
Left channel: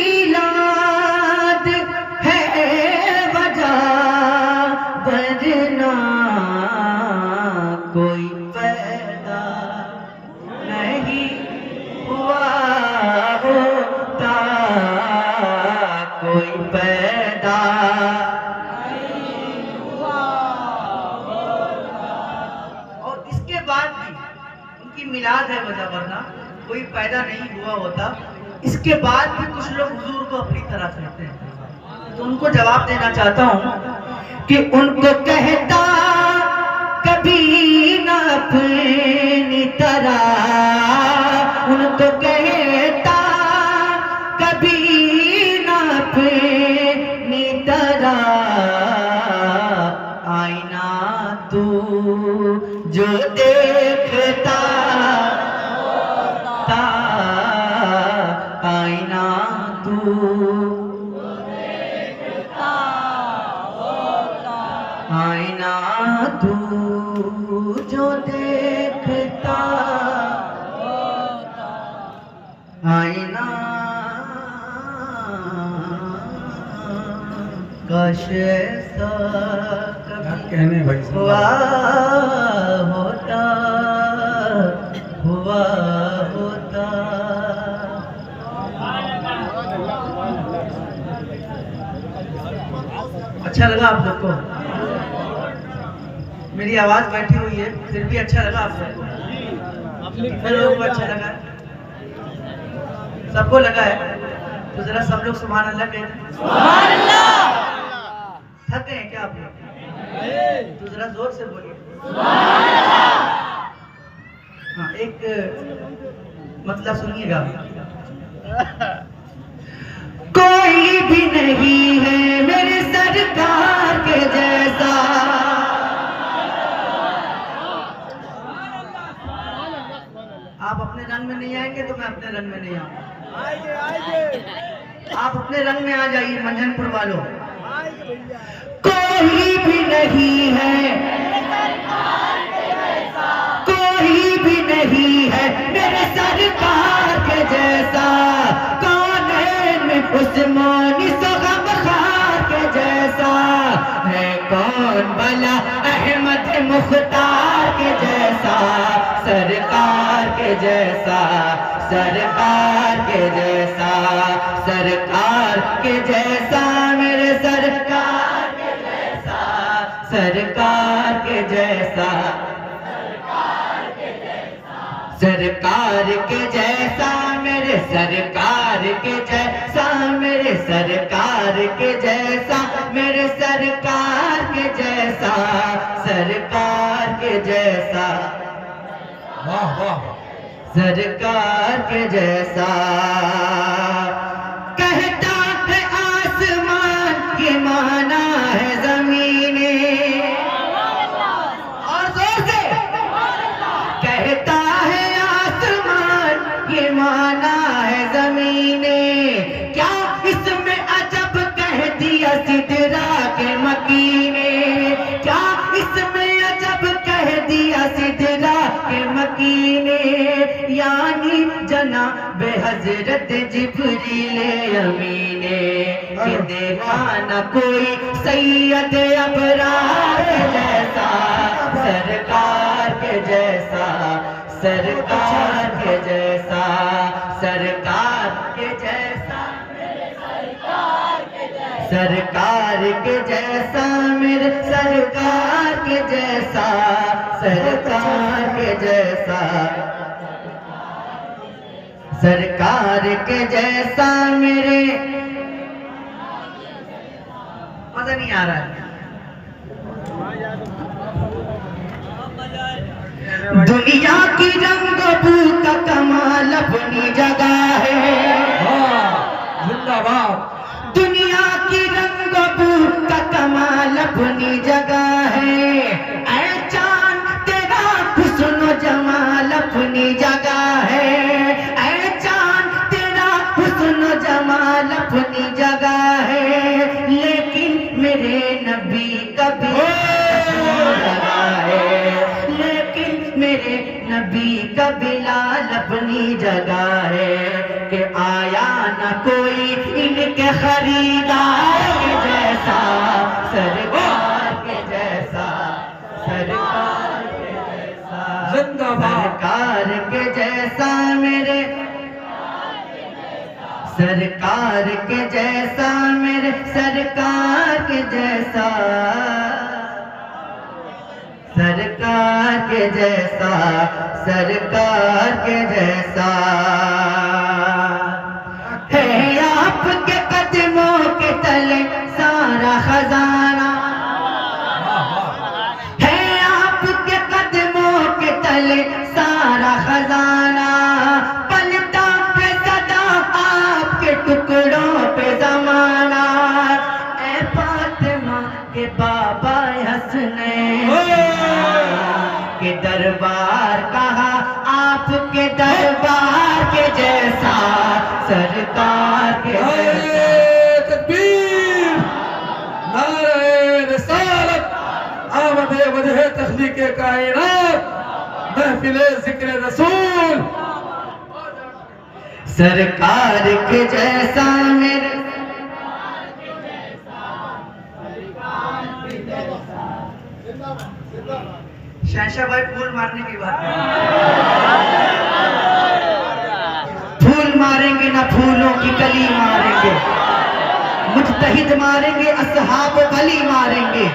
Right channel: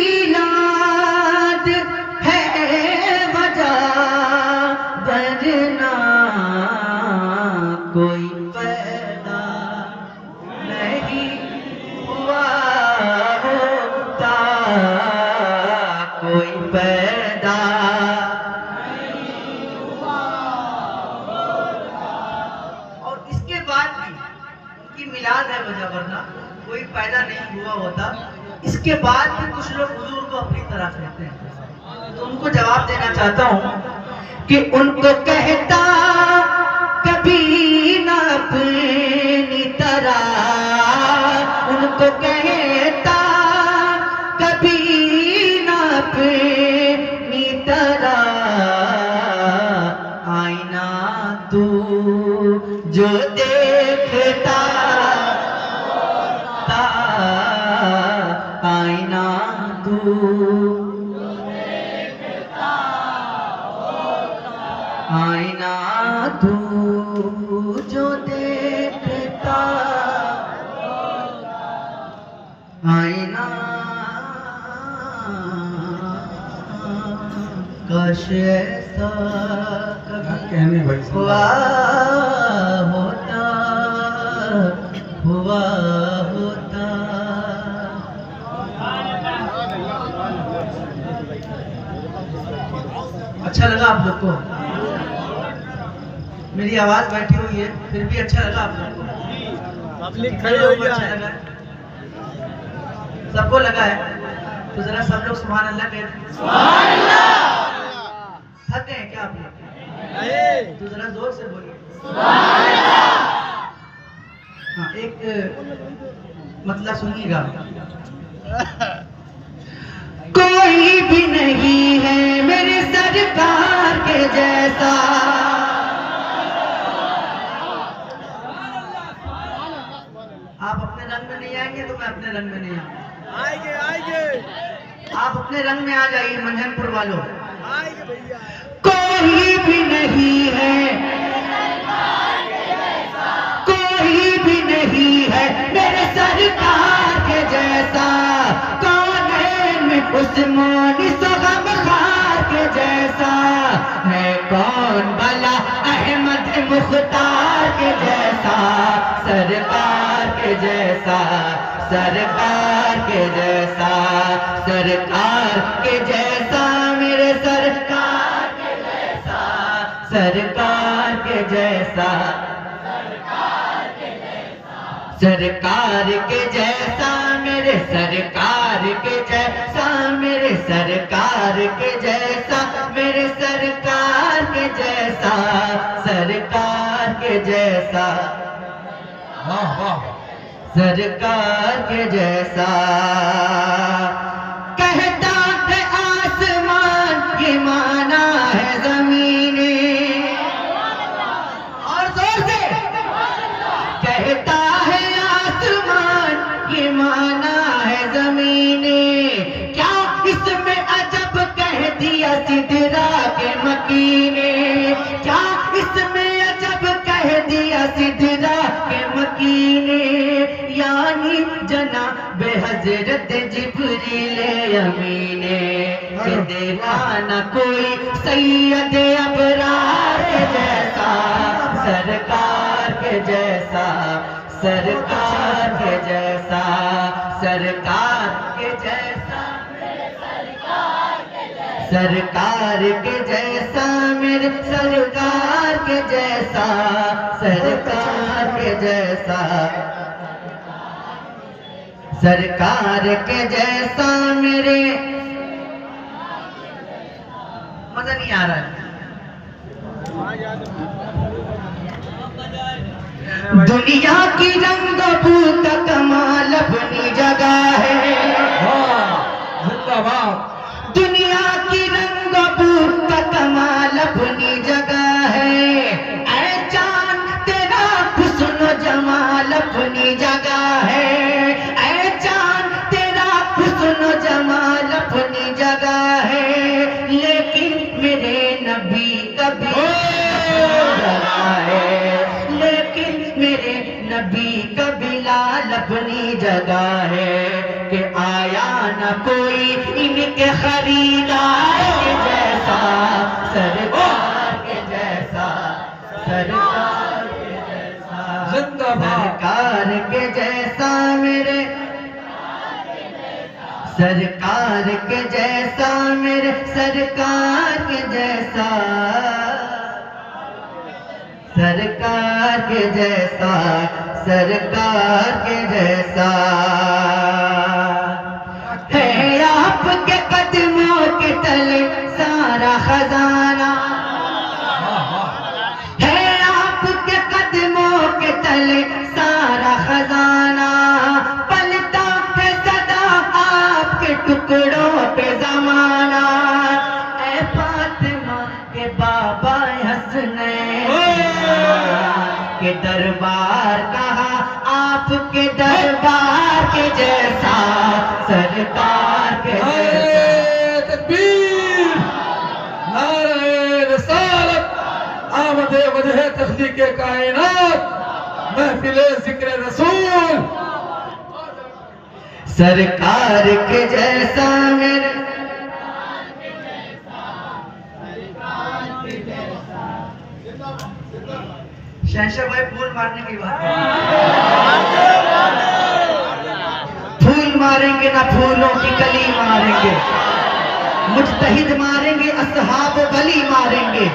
है वजह वरना कोई पैदा नहीं हुआ होता, कोई पैदा। मिलाद है वजह वरना कोई पैदा नहीं हुआ होता। इसके बाद भी कुछ लोग हुजूर को अपनी तरफ लेते हैं, तो उनको जवाब देना चाहता हूँ कि उनको कहता कभी न अपनी तरह, उनको कहता कभी न अपनी तरह। आईना तू जो देखता, आईना तू आईना तू जो देखता, आईना काश ऐसा कहने भाई हुआ होता, हुआ होता। अच्छा लगा आप लोग को? मेरी आवाज बैठी हुई है फिर भी अच्छा लगा आप लोग को? अच्छा लगा है? सबको लगा है? तो जरा सब लोग सुभान अल्लाह कहते हैं। थके हैं क्या आप लोग? तो जरा जोर से बोलिए। हाँ, एक मतलब सुनिएगा। कोई भी नहीं है मेरे सरकार के जैसा, आप अपने रंग में नहीं आएंगे तो मैं अपने रंग में नहीं आऊंगा। आप अपने रंग में आ जाइए मंझनपुर वालों। कोई भी नहीं है, कोई भी नहीं है मेरे सरकार के जैसा, कौन है उस्मानी गमखार के जैसा, है कौन भला अहमद मुख्तार के जैसा, सरकार के जैसा, सरकार के जैसा, सरकार के जैसा, मेरे सरकार के जैसा, सरकार के जैसा, सरकार के जैसा, मेरे सरकार के जैसा, मेरे सरकार के जैसा, मेरे सरकार के जैसा, सरकार के जैसा, वाह वाह, सरकार के जैसा। कहता है आसमान ये माना है जमीने, और जोर से कहता है आसमान ये माना है जमीने, क्या इसमें अजब कह दिया सिदरा के मकीने, क्या इसमें अजब कह दिया सिदरा के मकीने, यानी जनाब हज़रत जिब्रील अमीने। कि देखा न कोई सैयद अबरार के जैसा, सरकार के जैसा, सरकार के जैसा, सरकार के जैसा, सरकार के जैसा, मेरे सरकार के जैसा, सरकार के जैसा, सरकार के जैसा मेरे। मजा नहीं आ रहा है। दुनिया की रंग बू का कमाल अपनी जगह है, जिंदाबाद। दुनिया की रंग बू का कमाल अपनी जगह है, ऐ चांद तेरा हुस्न जमाल अपनी जगह है, ऐ चांद तेरा हुस्न जमाल अपनी जगह है, लेकिन मेरे नबी कभी लेकिन मेरे नबी का बिलाल अपनी जगह है, कि आया न कोई इनके खरीदार के जैसा, सरकार के जैसा, सरकार के जैसा, सरकार के जैसा मेरे, सरकार के जैसा मेरे, सरकार के जैसा, सरकार के जैसा, सरकार के जैसा है। आपके कदमों के तले सारा खजाना है, आपके कदमों के तले सारा खजाना, पलता है सदा आपके टुकड़ों पे जमाना, ऐ फातिमा के बाबा हसनैन के दरबार कहा, आपके दरबार के जैसा, सरकार के जैसा। तकबीर, नारे रिसालत, आमदे वजह तख्लीक़े कायनात, महफिले ज़िक्र रसूल। सरकार के जैसा मेरे, शहशाह भाई फूल मारने की बात है, फूल मारेंगे ना फूलों की कली मारेंगे, मुजतहिद मारेंगे, असहाब वली मारेंगे,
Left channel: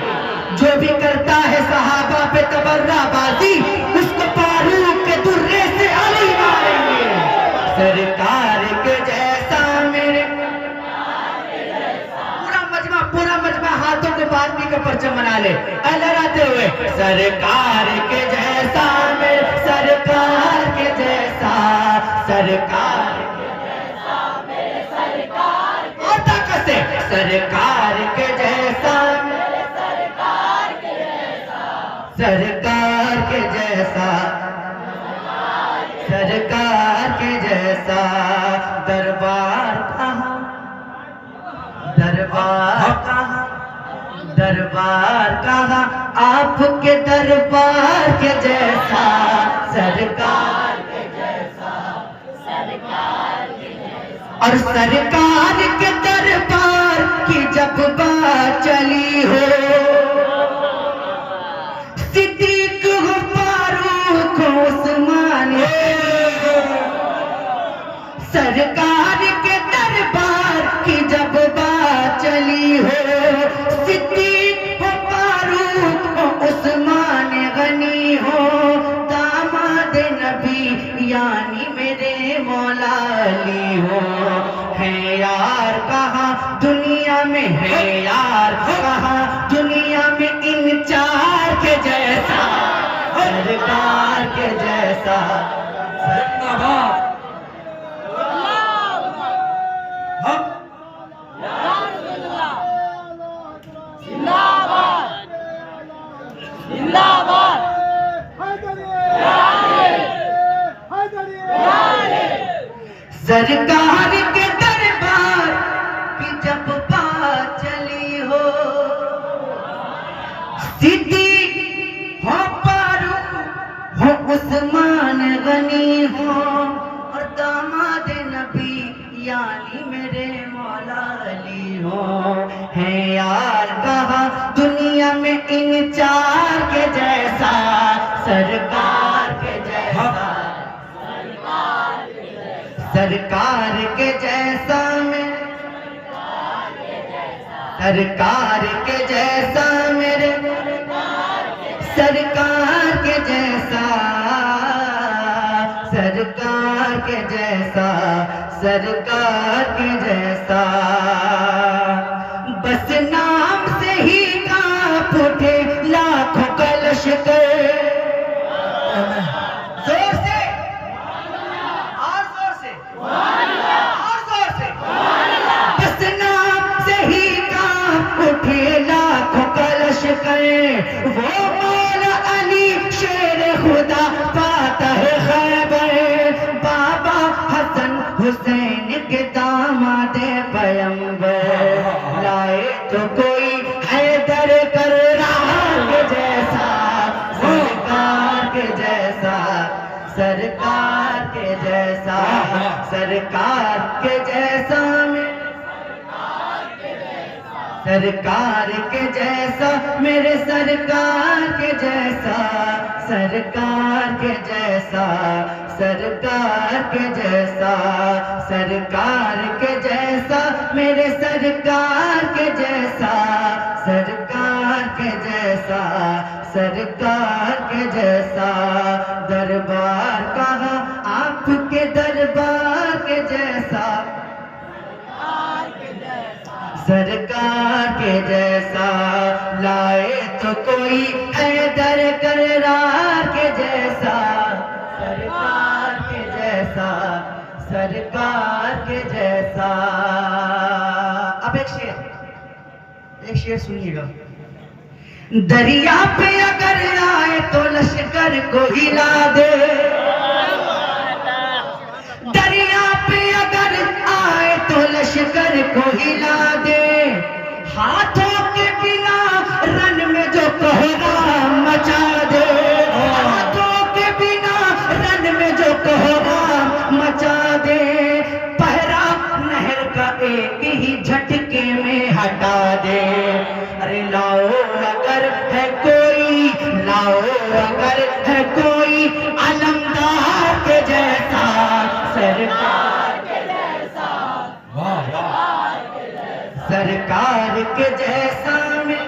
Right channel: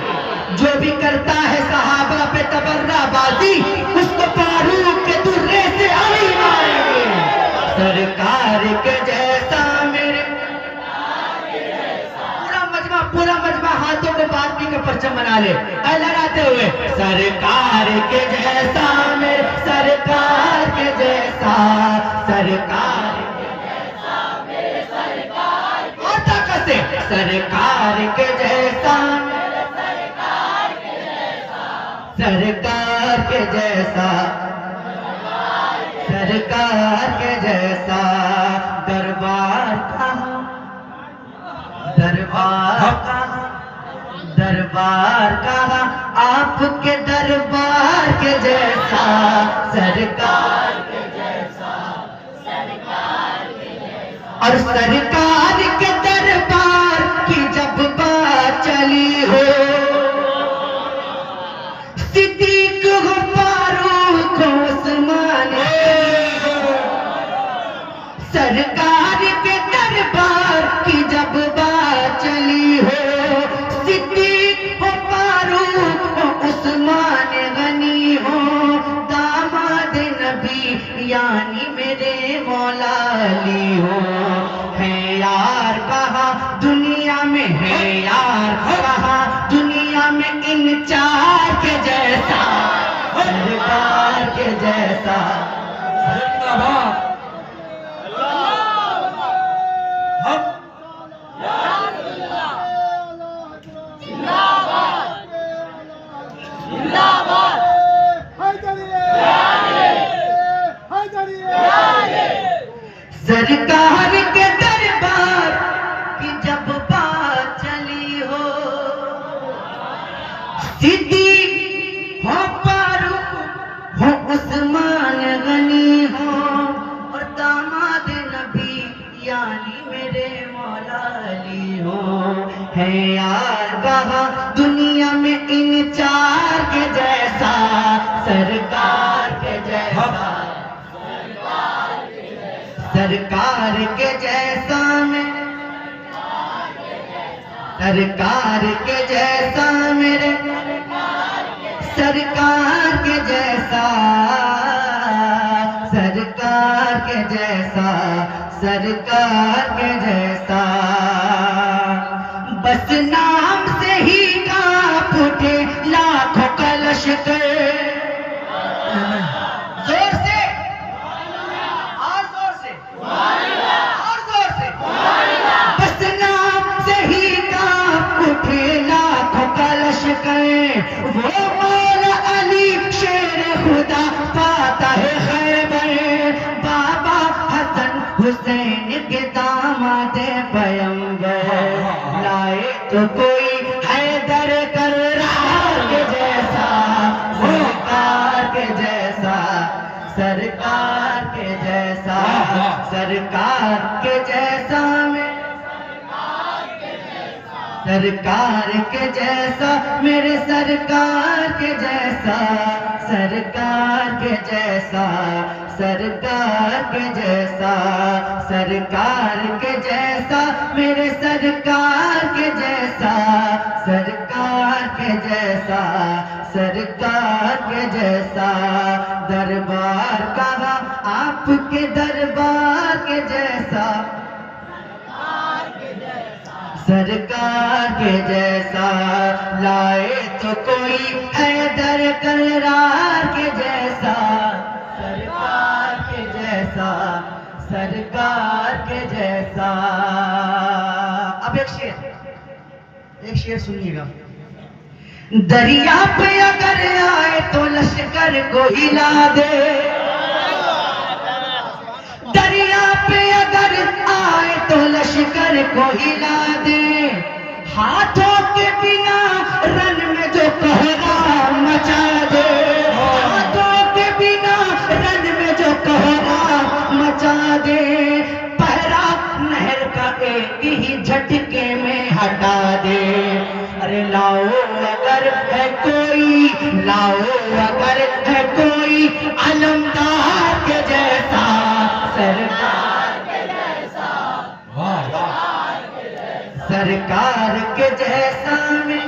जो भी करता है सहाबा पे तबर्राबाजी, उसको फारूक के दुर्रे से अली मारेंगे। सरकार के जैसा मेरे, पूरा मजमा हाथों को बादमी का परचम बना ले, लहराते हुए, सरकार के जैसा मेरे, सरकार के जैसा, सरकार के जैसा मेरे, सरकार और ताकत से, सरकार के जैसा मेरे, सरकार के जैसा, सरकार के जैसा, सरकार के जैसा, दरबार कहाँ, दरबार कहाँ, दरबार कहाँ, आपके दरबार के जैसा, सरकार के जैसा, सरकार के जैसा, और सरकार के दरबार की जब बात चली हो, सिद्दीक हो, फारूक हो, उस्मान हो, सरकार के दरबार की जब बात चली हो, सिद्दीक हो, फारूक हो, उस्मान गनी हो, दामाद नबी यानी मेरे मौला अली हो, है यार कहाँ दुनिया में, है यार कहाँ दुनिया में इन चार के जैसा, सरकार के जैसा। जिंदाबाद। सरकार के दरबार की जब बात चली हो, सिद्दीक हो, फारूक हो, उस्मान गनी हो, और दामाद नबी यानी मेरे मौला अली हो, में इन चार के जैसा, सरकार के जैसा, सरकार के जैसा में, सरकार के जैसा मेरे, सरकार के जैसा, सरकार के जैसा, सरकार के जैसा। बस नाम से ही कांप उठे लाखों का लश्कर। जोर से और जोर से और जोर से। बस नाम से ही कांप उठे लाखों का लश्कर। वो मौला अली शेर खुदा पाता है खैबर। बाबा हसन हुसैन के दामाद पैगंबर। लाए तो कोई हैदर कररार के जैसा, सरकार के जैसा, सरकार के जैसा, सरकार के जैसा में, सरकार के जैसा मेरे, सरकार के जैसा, सरकार के जैसा, सरकार के जैसा, सरकार के जैसा मेरे, सरकार के जैसा, सरकार के जैसा, सरकार के जैसा। दरबार कहा आपके दरबार के जैसा, सरकार के जैसा। लाए तो कोई हैदर कररार के जैसा, सरकार के जैसा, सरकार के जैसा। अब एक शेर सुनिएगा। दरिया पे अगर आए तो लश्कर को हिला दे, दरिया पे अगर आए तो लश्कर को हिला दे। हाथों के बिना रन में जो कहरा मचा दे, हाथों के बिना रन में जो कहरा मचा दे। पहरा नहर का एक ही झटके में हटा दे। अरे लाओ अगर है कोई, लाओ अगर है कोई अलमदार के जैसा, सरकार के जैसा, सरकार के जैसा में,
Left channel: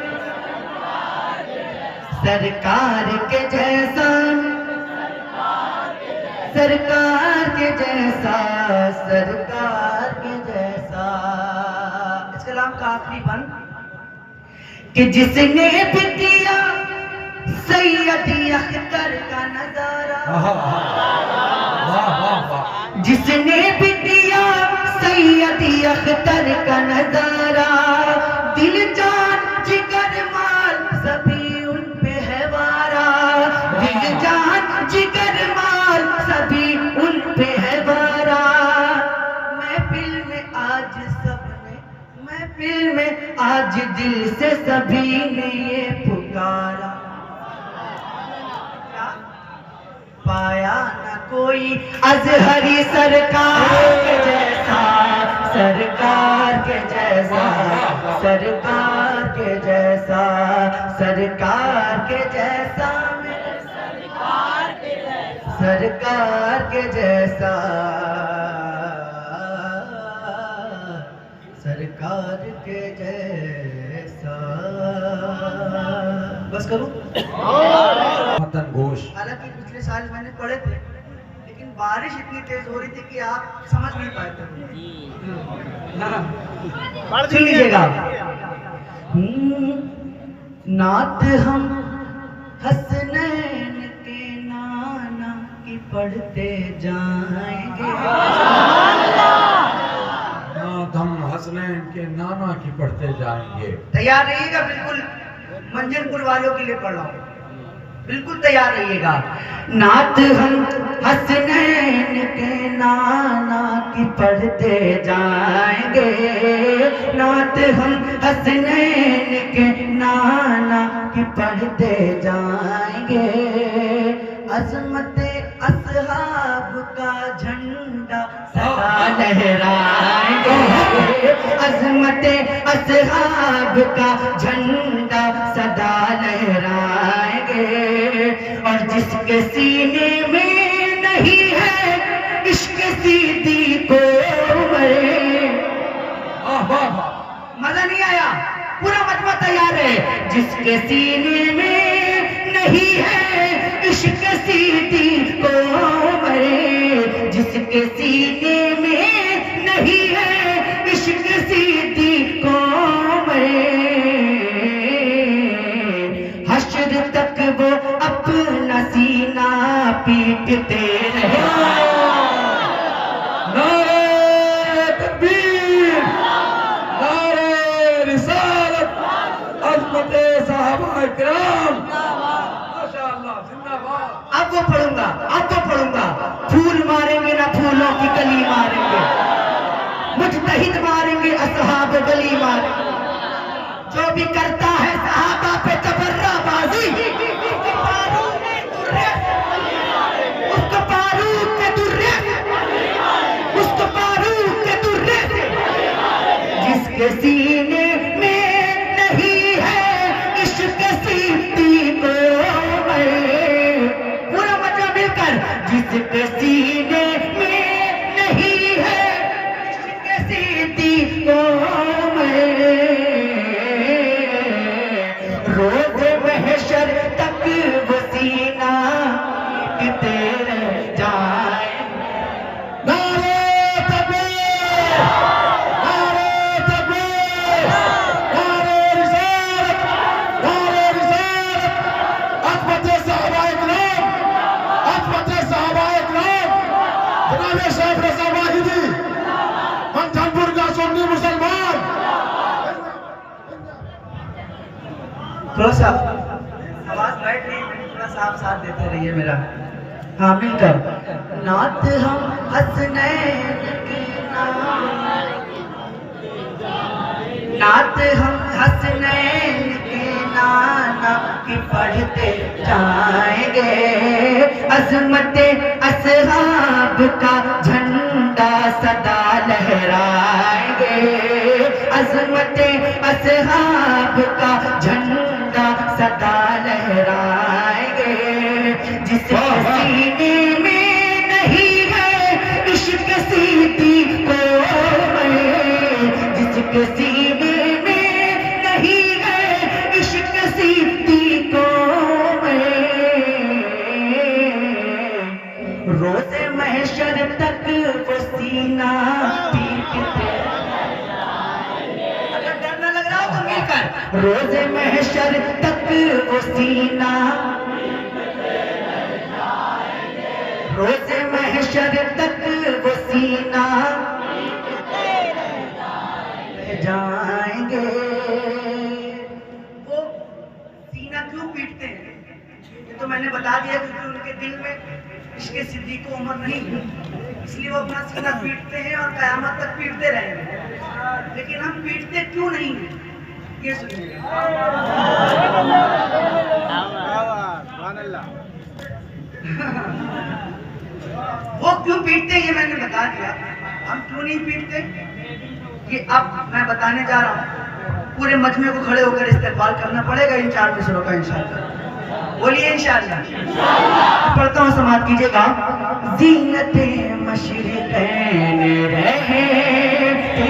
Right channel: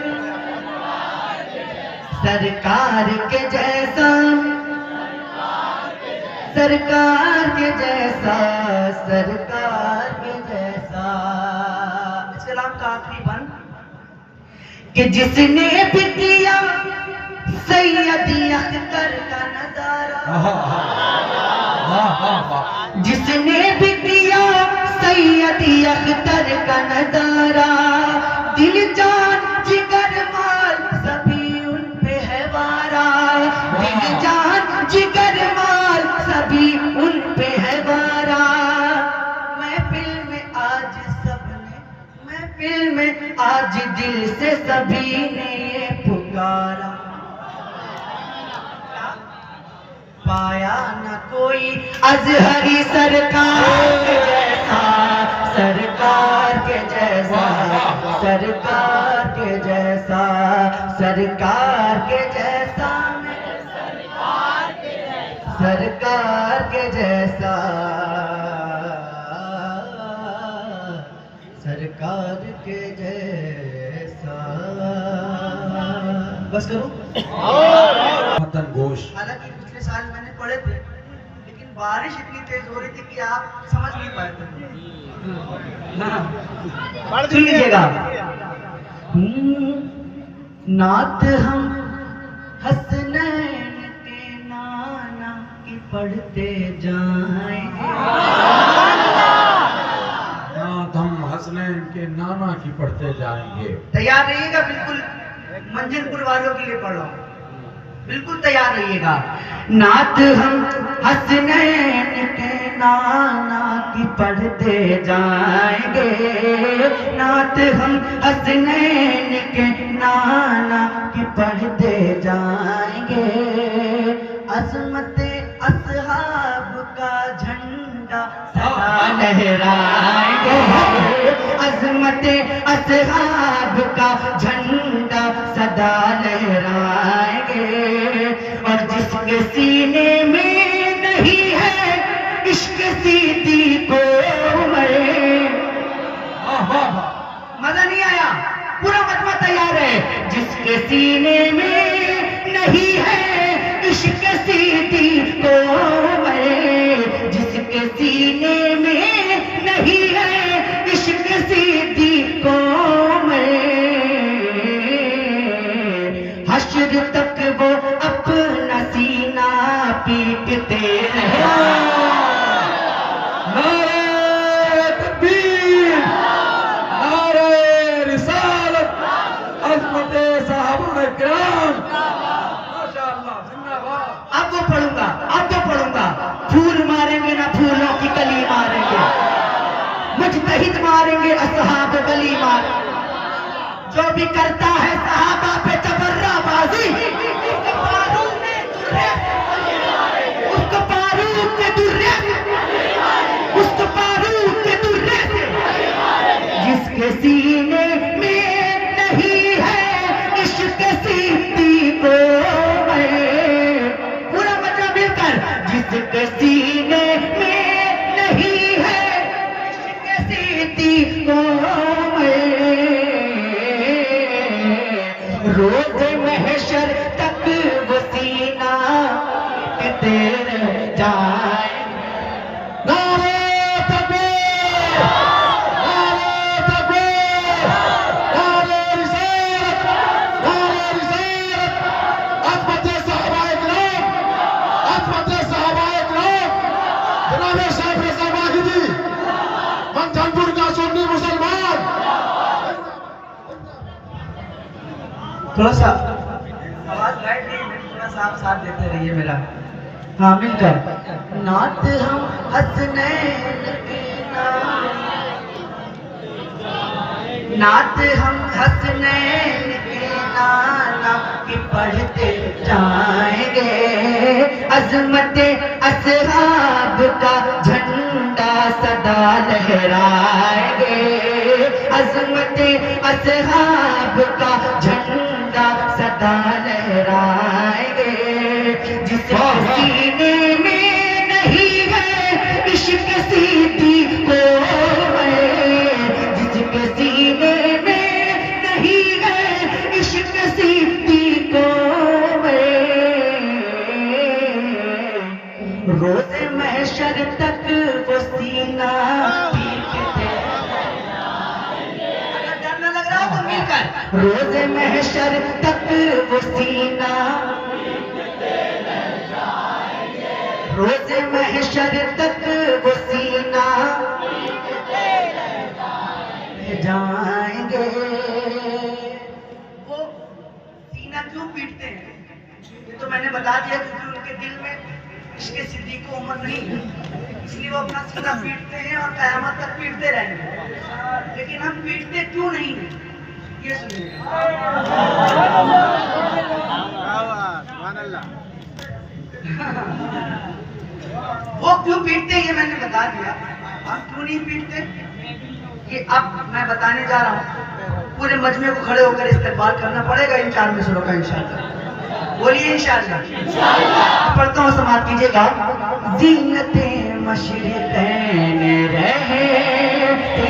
सरकार के जैसा, सरकार के जैसा, सरकार के जैसा। इस कलाम का आखिरी बंद कि जिसने भी दिया सैयदी अख्तर का नजारा, जिसने भी दिया सैयदी अख्तर का नजारा। दिल जान जिगर माल सभी उन पे है वारा, दिल जान जिगर माल सभी उन पे है वारा। महफिल में आज सबने, महफिल में आज दिल से सभी ने ये पुकारा। पाया न कोई अजहरी सरकार के जैसा, सरकार के जैसा, सरकार के जैसा, सरकार के जैसा, सरकार के जैसा, सरकार के जैसा। बस करूं? मदन घोष। हालांकि पिछले साल मैंने पढ़े थे, लेकिन बारिश इतनी तेज हो रही थी कि आप समझ नहीं पाए थे। सुन लीजिएगा। नात हम हसनैन के नाना की पढ़ते जाएंगे। नात हम हसनैन के नाना की पढ़ते जाएंगे। तैयार रहिएगा, बिल्कुल मंजनपुर वालों के लिए पढ़ रहा हूँ, बिल्कुल तैयार रहिएगा। नात हम हसनैन के नाना की पढ़ते जाएंगे, नात हम हसनैन के नाना की पढ़ते जाएंगे। अज़मते असहाब का झंडा सदा लहराएंगे, अज़मते असहाब का झंडा सदा लहराएंगे। और जिसके सीने में नहीं है इश्क सिद्दीक़ उमर। मजा नहीं आया? पूरा मजमा तैयार है। जिसके सीने में नहीं है इश्क सिद्दीक़ उमर, जिसके सीने में नहीं है इश्क सिद्दीक़ उमर, हश्र तक वो अपना सीना पीटते रहे। नारे तकबीर, नारे रिसालत, अज़मते सहाबा किराम, माशाअल्लाह, जिंदाबाद। अब वो पढ़ूंगा, अब वो पढ़ूंगा। फूल मारेंगे ना फूलों की कली मारेंगे, मुजतहिद मारेंगे असहाब गली मारेंगे। जो भी करता है सहाबा पे तबर्राबाजी, उसको बारूद के दुर्रे, उसको बारूद के दुर्रे। जिसके सीने में नहीं है इश्क सिद्दीक़ उमर, पूरा मजा मिलकर। जिसके सीने में नहीं है इश्क सिद्दीक़ उमर, रोज़ महशर तक वो सीना पीटते रह जाए। नारे तकबीर, नारे तकबीर, नारे रिसालत, नारे रिसालत, अज़मते सहाबा किराम, अज़मते सहाबा किराम, जनाब शेख रज़ा माजिदी, मंठनपुर का सुन्नी मुसलमान। थोड़ा सा आवाज लाइट नहीं, थोड़ा सा आप साथ देते रहिए मेरा। हाँ मिलकर। नात हम हसनैन की नात हम हसनैन के नाना की पढ़ते जाएंगे। अज़मते असहाब का झंडा सदा लहराएंगे। अज़मते असहाब का झंडा सदा लहराएंगे। जिसके सीने में नहीं है इश्क सिद्दीक़ उमर, जिसके सीने में नहीं है इश्क सिद्दीक़ उमर, रोज़े महशर तक वो सीना पीटते। अगर डर न लग रहा तो मिलकर। रोज़े महशर तक वो सीना, रोज़े महशर तक वो सीना जाएंगे। वो सीना क्यों पीटते हैं ये तो मैंने बता दिया, क्योंकि उनके दिल में इश्क सिद्दीक़ उमर नहीं है, इसलिए वो अपना सीना पीटते हैं और क़यामत तक पीटते रहेंगे। लेकिन हम पीटते क्यों नहीं हैं ये सुनिए। वो क्यों पीटते हैं ये मैंने बता दिया। हम क्यों नहीं पीटते ये अब मैं बताने जा रहा हूँ। पूरे मजमे को खड़े होकर इस्तेमाल करना पड़ेगा इन 4 मिसरों का इंशाअल्लाह। बोलिए इंशाअल्लाह। पढ़ता हूँ, समाप्त कीजिएगा। ज़ीनते मशरिक़ैन रहते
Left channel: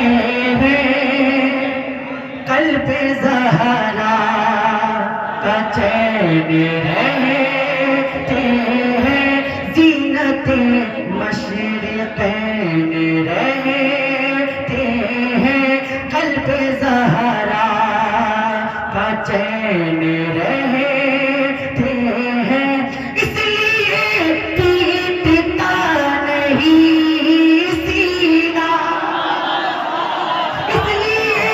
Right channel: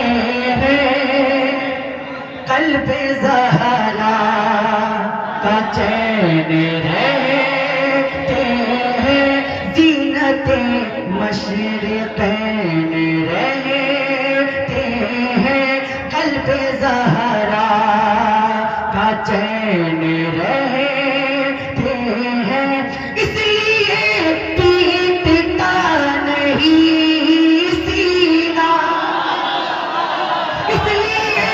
हैं, क़ल्ब ज़हरा का चैन रहते हैं। ज़ीनते मशरिक़ैन रहते हैं, क़ल्ब ज़हरा का चैन रहते हैं। इसलिए पीटता नहीं सीना, इसलिए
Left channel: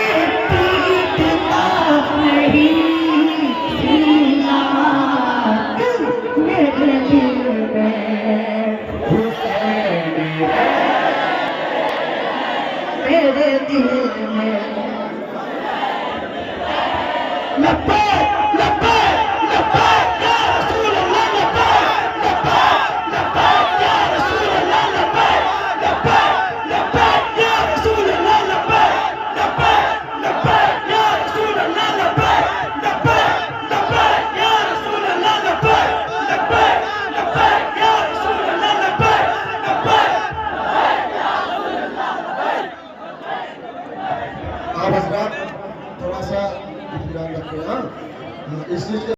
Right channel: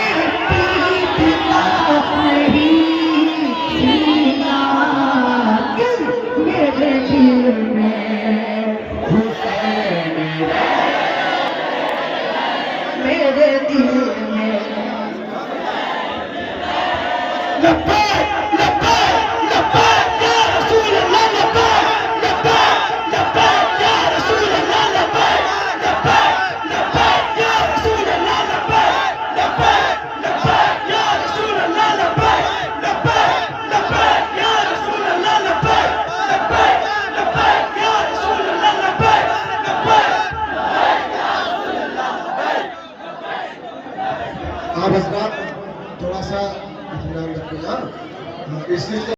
पीटता नहीं सीना। मेरे दिल में हुसैन मेरे दिल में। लब्बैक लब्बैक लब्बैक या रसूल अल्लाह, लब्बैक लब्बैक लब्बैक या रसूल अल्लाह, लब्बैक लब्बैक लब्बैक या रसूल अल्लाह, लब्बैक लब्बैक लब्बैक या रसूल अल्लाह, लब्बैक लब्बैक लब्बैक से